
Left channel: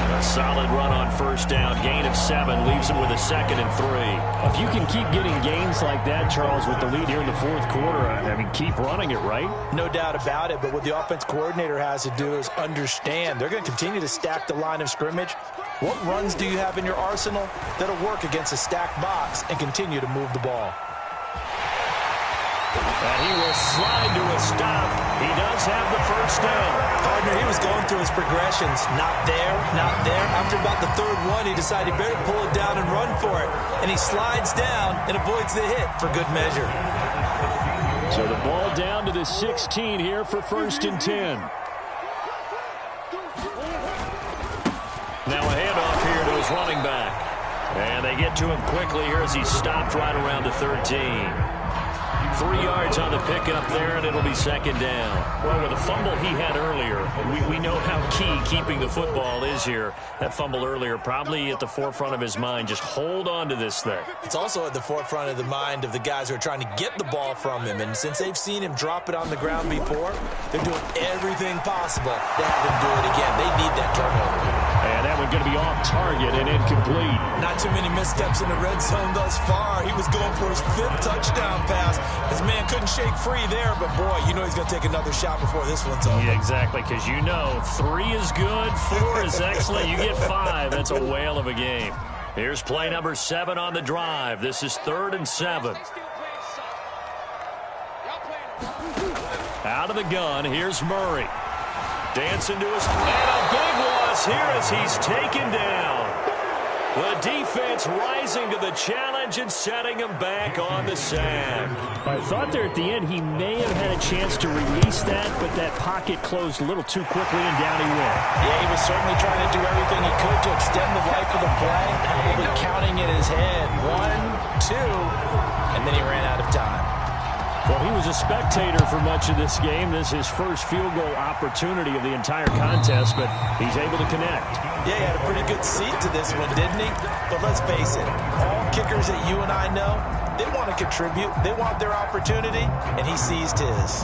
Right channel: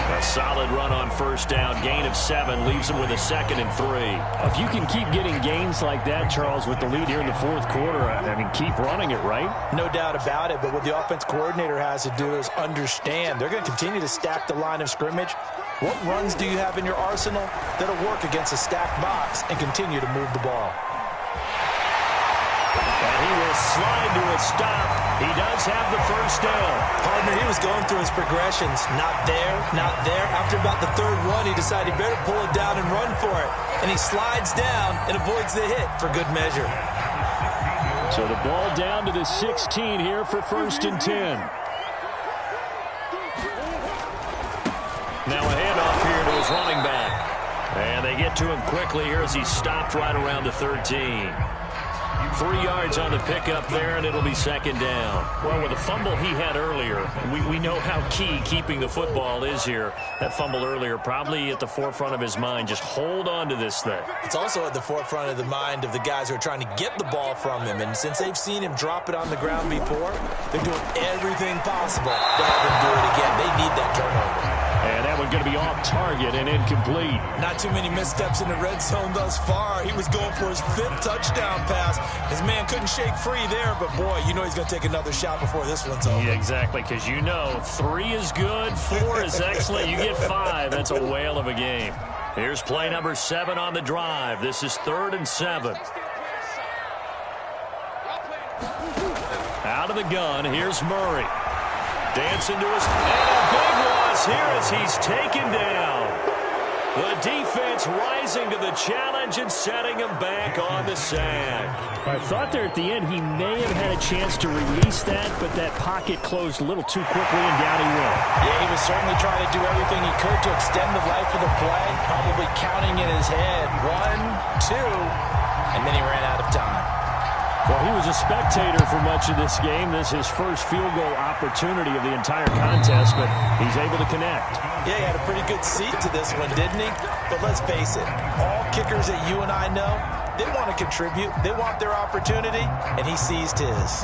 A solid run on 1st down. Gain of 7 leaves him with a 2nd and 3. If you can keep getting gains like that, Charles, with the lead here in the 4th quarter, I mean, keep running it, right? No doubt about it, but what the offense coordinator has to do is understand they're going to continue to stack the line of scrimmage. What runs do you have in your arsenal that'll work against a stacked box and continue to move the ball? And he will slide to a stop. He does have the 1st down. Partner, he was going through his progressions. Not there, not there. After about the 3rd one, he decided he better pull it down and run for it. And he slides down and avoids the hit for good measure. So the ball down to the 16 here for 1st and 10. Now a handoff here to his running back. And they get to him quickly here as he stopped right around the 13. 3 yards on the pickup there, and it'll be 2nd down. Well, with the fumble he had earlier, we know how key keeping the football is here. That fumble earlier probably at the forefront of his mind. Just hold on to this thing. It's also at the forefront of the mind of the guys who are trying to get the ball from him. And since they've seen him drop it on the ground before, they're doing everything possible to have him do it again. They need that turnover. And that one going to be off target and incomplete. Not too many missteps in the red zone thus far. He was going for his 5th touchdown pass. His man couldn't shake free there, but boy, you know he's going to take another shot before this one's over. Yeah, exactly, because you know 3 is good, 4 is excellent. You get 5. That's a whale of a game. Here's play number 7 on the drive. This is 3rd and 7. Out of the gun, here's Murray. Dancing to his... And a big loss here as he's taken down. The defense rising to the challenge and setting him back on the sack. I thought there at the end he may have had a chance to release that, but that pocket closed a little too quickly and down he went. Yeah, he was certainly trying to do everything he could to extend the life of the play, probably counting in his head 1, 2, and then he ran out of time. Well, he was a spectator for much of this game. This is his first field goal opportunity of the entire contest, but he's able to connect. Yeah, he had a pretty good seat to this one, didn't he? But let's face it, all kickers that you and I know, they want to contribute. They want their opportunity, and he seized his.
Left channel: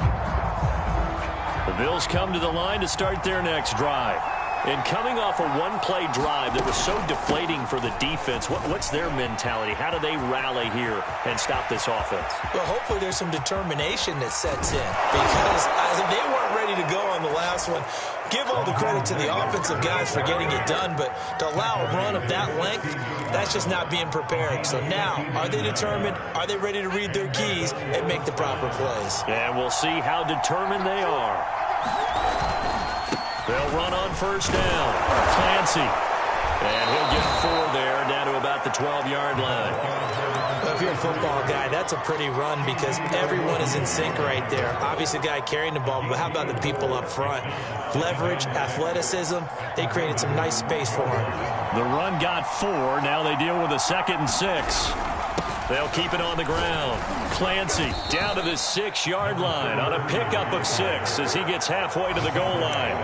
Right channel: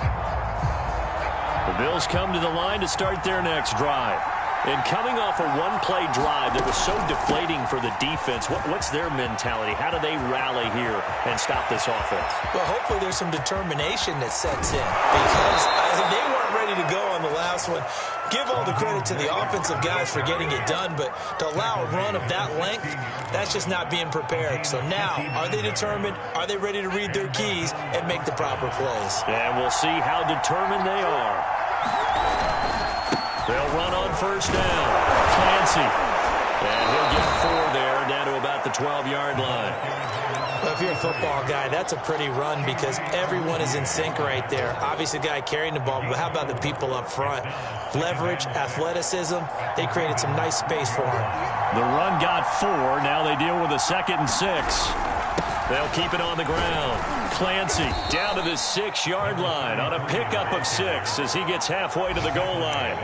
The Bills come to the line to start their next drive. And coming off a one-play drive that was so deflating for the defense, what's their mentality? How do they rally here and stop this offense? Well, hopefully there's some determination that sets in because they weren't ready to go on the last one. Give all the credit to the offensive guys for getting it done, but to allow a run of that length, that's just not being prepared. So now, are they determined? Are they ready to read their keys and make the proper plays? And we'll see how determined they are. They'll run on first down. Clancy. And he'll get 4 there, down to about the 12-yard line. Well, if you're a football guy, that's a pretty run because everyone is in sync right there. Obviously, the guy carrying the ball, but how about the people up front? Leverage, athleticism, they created some nice space for him. The run got 4. Now they deal with a 2nd and 6. They'll keep it on the ground. Clancy down to the 6-yard line on a pickup of 6 as he gets halfway to the goal line.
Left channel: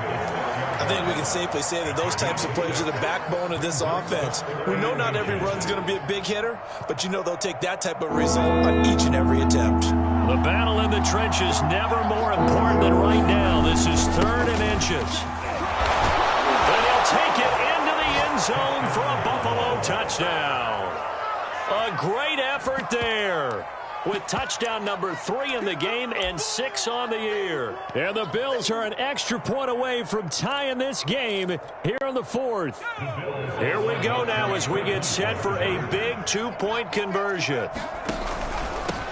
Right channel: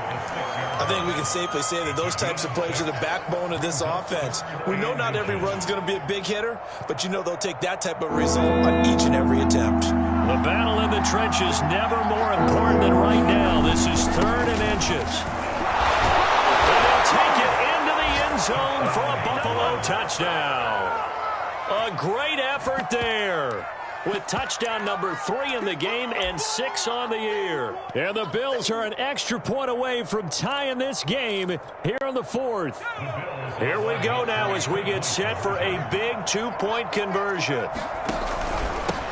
I think we can safely say that those types of plays are the backbone of this offense. We know not every run's going to be a big hitter, but you know they'll take that type of result on each and every attempt. The battle in the trenches never more important than right now. This is 3rd and inches. And he'll take it into the end zone for a Buffalo touchdown. A great effort there, with touchdown number 3 in the game and 6 on the year. And the Bills are an extra point away from tying this game here in the 4th. Here we go now as we get set for a big 2-point conversion.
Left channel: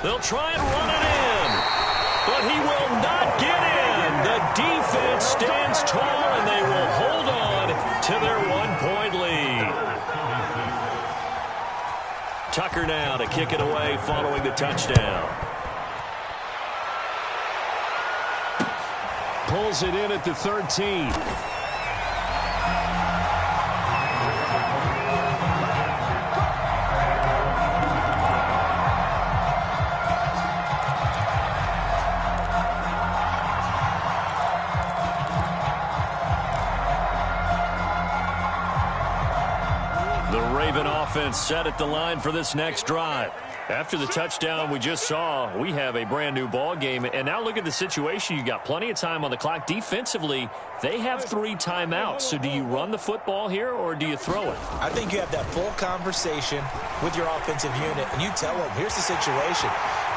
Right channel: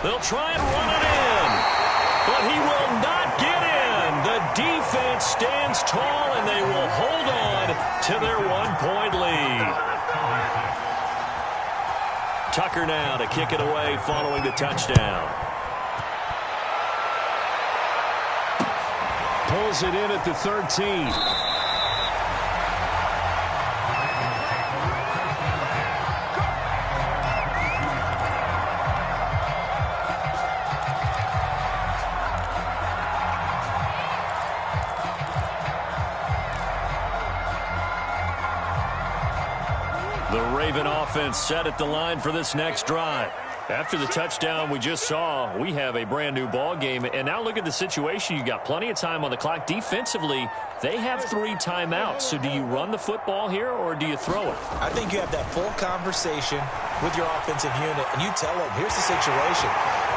They'll try and run it in, but he will not get in. The defense stands tall, and they will hold on to their 1-point lead. Tucker now to kick it away following the touchdown. Pulls it in at the 13. The Raven offense set at the line for this next drive. After the touchdown we just saw, we have a brand new ball game. And now look at the situation. You got plenty of time on the clock. Defensively, they have 3 timeouts. So do you run the football here or do you throw it? I think you have that full conversation with your offensive unit, and you tell them, here's the situation.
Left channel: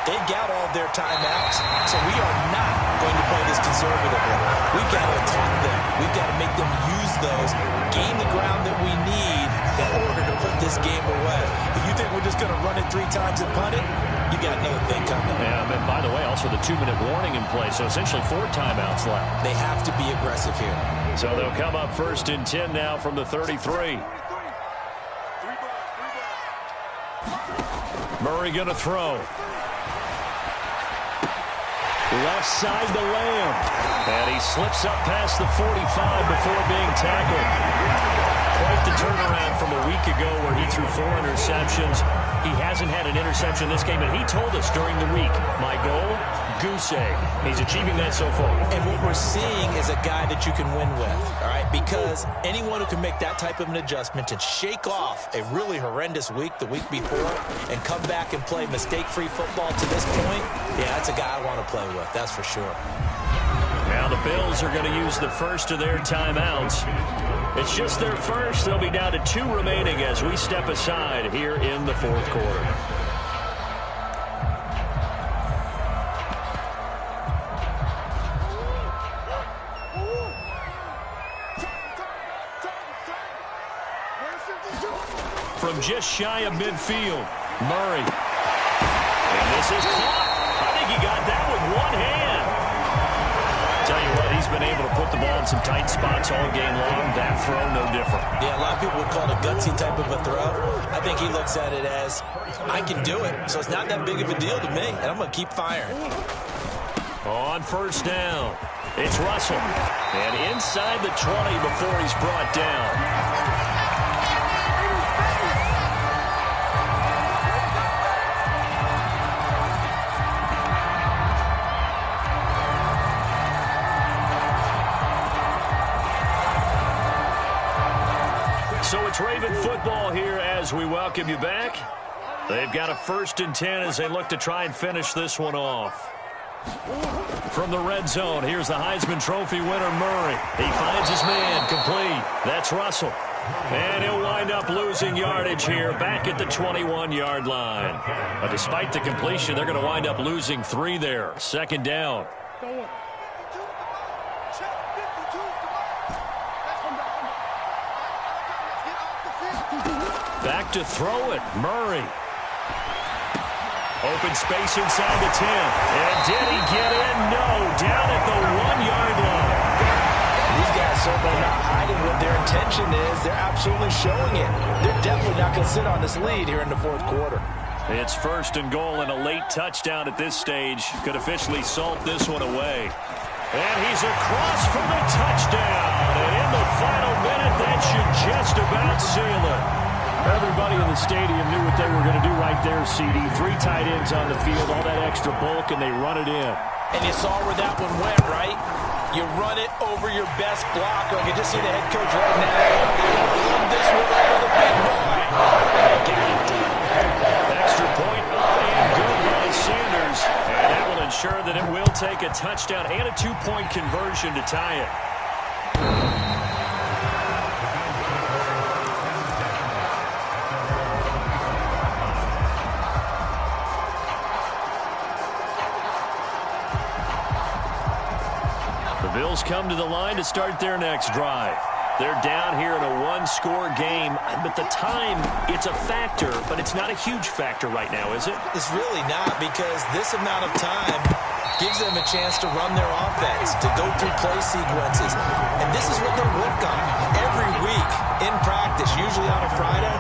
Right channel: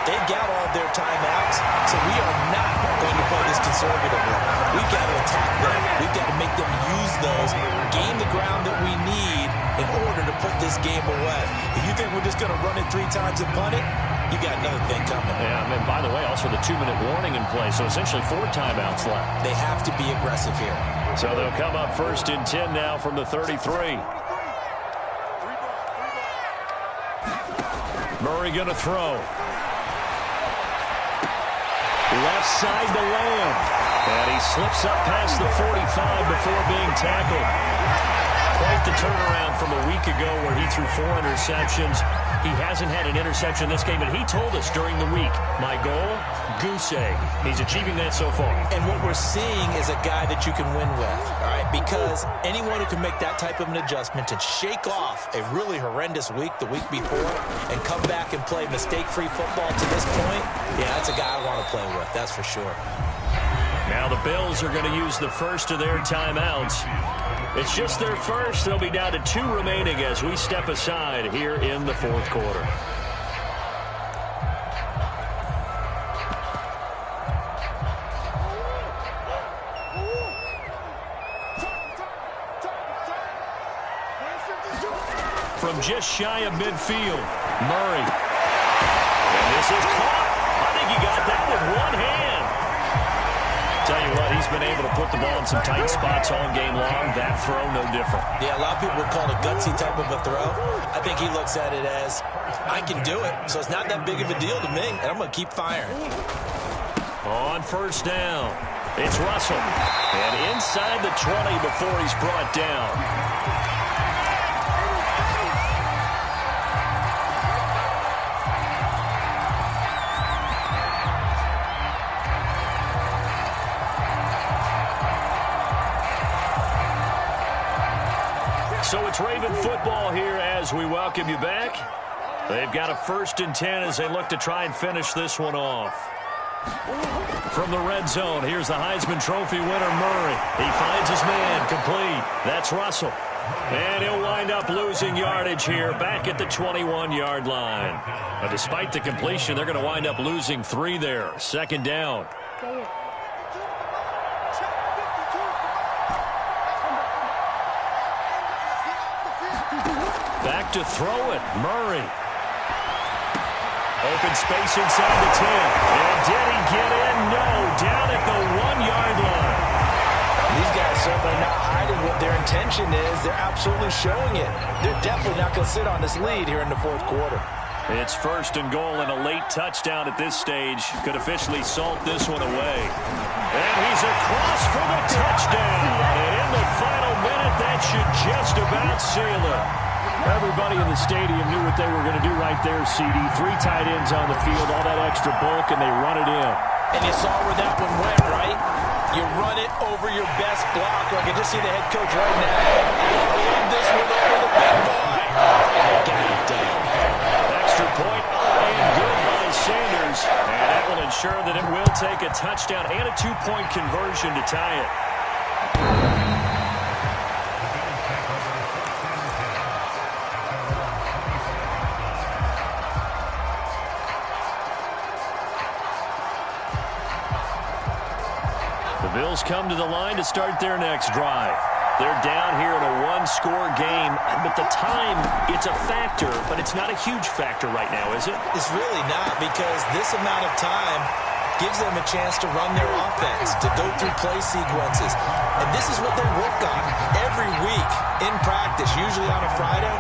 They've got all their timeouts, so we are not going to play this conservatively. We've got to attack them. We've got to make them use those, gain the ground that we need in order to put this game away. If you think we're just going to run it 3 times and punt it, you got another thing coming. Yeah, and by the way, also the 2-minute warning in play, so essentially 4 timeouts left. They have to be aggressive here. So they'll come up 1st and 10 now from the 33. Murray going to throw. Left side to Lamb. And he slips up past the 45 before being tackled. Quite the turnaround from a week ago where he threw 4 interceptions. He hasn't had an interception this game, and he told us during the week, my goal, goose egg. He's achieving that so far. And what we're seeing is a guy that you can win with, all right? Because anyone who can make that type of an adjustment and shake off a really horrendous week the week before and come back and play mistake-free football to this point, yeah, that's a guy I want to play with, that's for sure. Now the Bills are going to use the first of their timeouts. It's just their first. They'll be down to 2 remaining as we step aside here in the 4th quarter. From just shy of midfield, Murray. And this is caught. I think he got that with one hand. Tell you what, he's been able to put the ball in some tight spots all game long. That throw, no different. Yeah, a lot of people would call it a gutsy type of a throw. I think he looks at it as, I can do it, so it's not that big of a deal to me, and I'm going to keep firing. On 1st down, it's Russell. And inside the 20 before he's brought down. So it's Raven football here as we welcome you back. They've got a 1st and 10 as they look to try and finish this one off. From the red zone, here's the Heisman Trophy winner, Murray. He finds his man, complete. That's Russell. And he'll wind up losing yardage here back at the 21-yard line. But despite the completion, they're going to wind up losing 3 there. 2nd down. Back to throw it, Murray. Open space inside the 10. And did he get in? No, down at the 1-yard line. These guys certainly not hiding what their intention is. They're absolutely showing it. They're definitely not going to sit on this lead here in the 4th quarter. It's 1st and goal, and a late touchdown at this stage could officially salt this one away. And he's across for the touchdown. And in the final minute, that should just about seal it. Everybody in the stadium knew what they were going to do right there, CD. 3 tight ends on the field, all that extra bulk, and they run it in. And you saw where that one went, right? You run it over your best blocker. I can just see the head coach right now. I want to run this one over the big boy. And they got it done. Extra point up and good by Sanders. goes. And that will ensure that it will take a touchdown and a 2-point conversion to tie it. The Bills come to the line to start their next drive. They're down here in a one-score game, but the time, it's a factor, but it's not a huge factor right now, is it? It's really not, because this amount of time gives them a chance to run their offense, to go through play sequences. And this is what they work on every week in practice, usually on a Friday.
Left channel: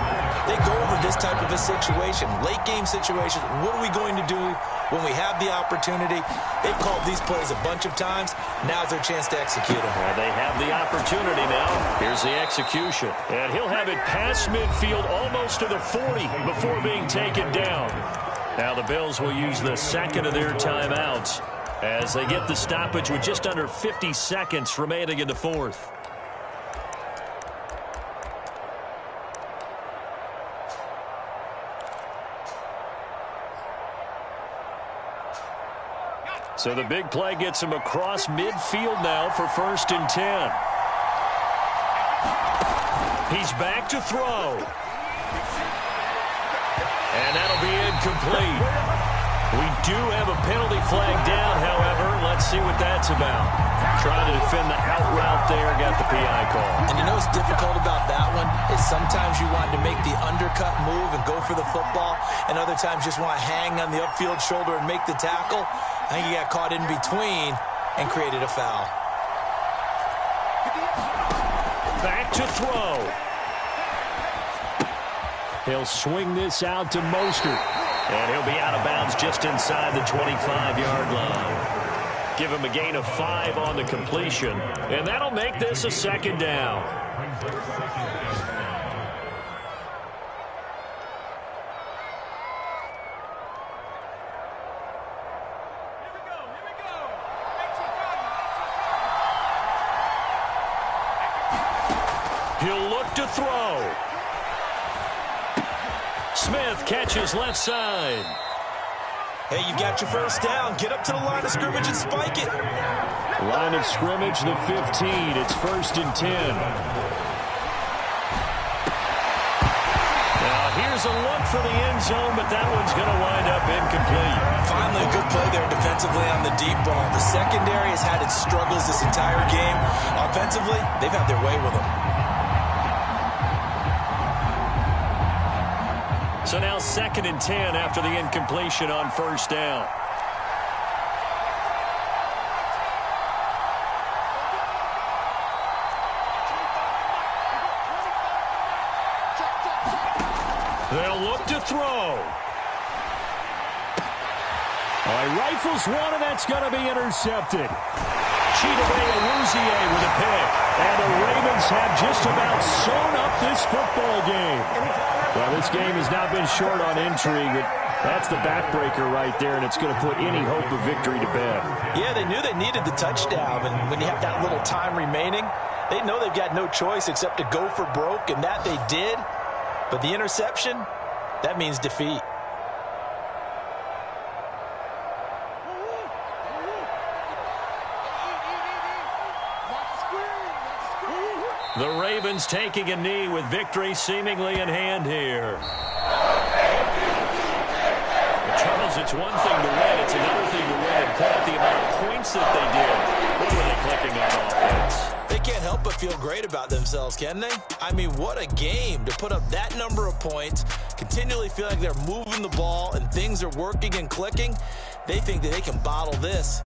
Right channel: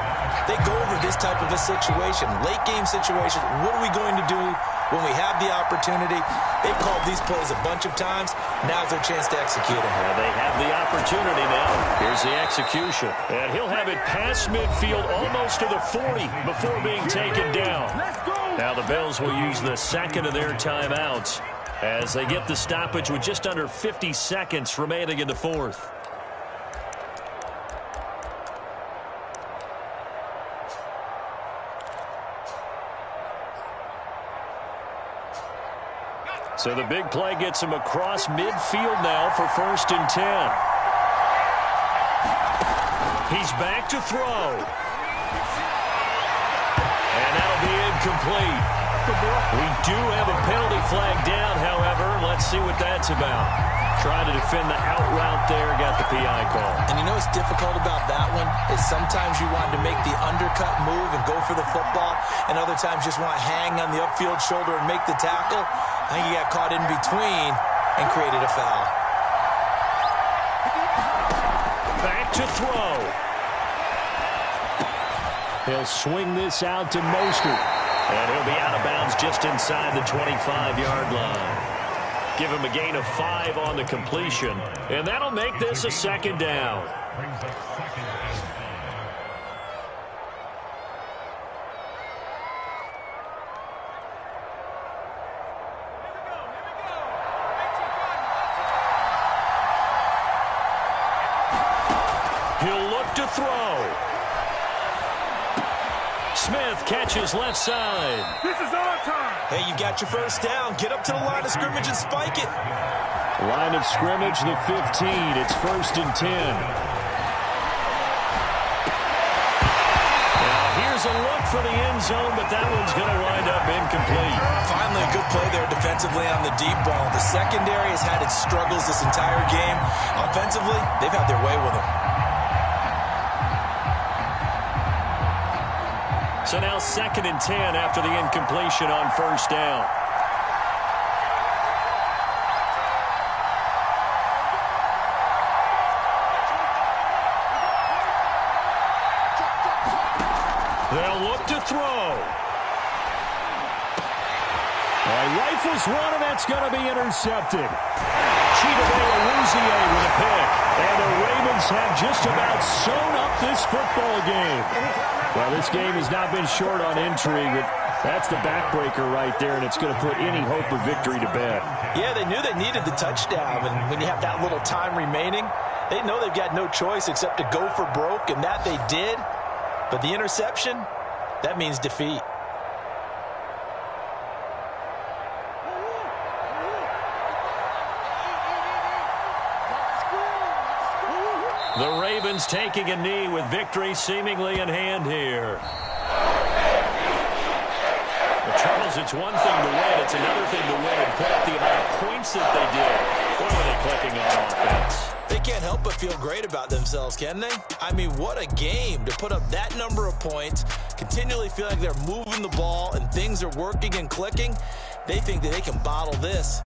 They go over this type of a situation, late-game situation. What are we going to do when we have the opportunity? They've called these plays a bunch of times. Now's their chance to execute them. Yeah, they have the opportunity now. Here's the execution. And he'll have it past midfield, almost to the 40, before being taken down. Now the Bills will use the second of their timeouts as they get the stoppage with just under 50 seconds remaining in the fourth. So the big play gets him across midfield now for 1st and 10. He's back to throw. And that'll be incomplete. We do have a penalty flag down, however. Let's see what that's about. Trying to defend the out route there, got the PI call. And you know what's difficult about that one is sometimes you want to make the undercut move and go for the football, and other times just want to hang on the upfield shoulder and make the tackle. I think he got caught in between and created a foul. Back to throw. He'll swing this out to Mostert. And he'll be out of bounds just inside the 25-yard line. Give him a gain of 5 on the completion. And that'll make this a 2nd down. He'll look to throw. Smith catches left side. Hey, you got your first down. Get up to the line of scrimmage and spike it. Line of scrimmage, the 15. It's 1st and 10. Now, here's a look for the end zone, but that one's going to wind up incomplete. Finally, a good play there defensively on the deep ball. The secondary has had its struggles this entire game. Offensively, they've had their way with them. So now 2nd and 10 after the incompletion on 1st down. They'll look to throw. He rifles one, and that's going to be intercepted. Chidobe Awuzie with a pick. And the Ravens have just about sewn up this football game. Well, this game has not been short on intrigue, but that's the backbreaker right there, and it's going to put any hope of victory to bed. Yeah, they knew they needed the touchdown, and when you have that little time remaining, they know they've got no choice except to go for broke, and that they did. But the interception, that means defeat. The Ravens taking a knee with victory seemingly in hand here. Well, Charles, it's one thing to win. It's another thing to win and put up the amount of points that they did. What were they clicking on offense? They can't help but feel great about themselves, can they? I mean, what a game to put up that number of points, continually feel like they're moving the ball and things are working and clicking. They think that they can bottle this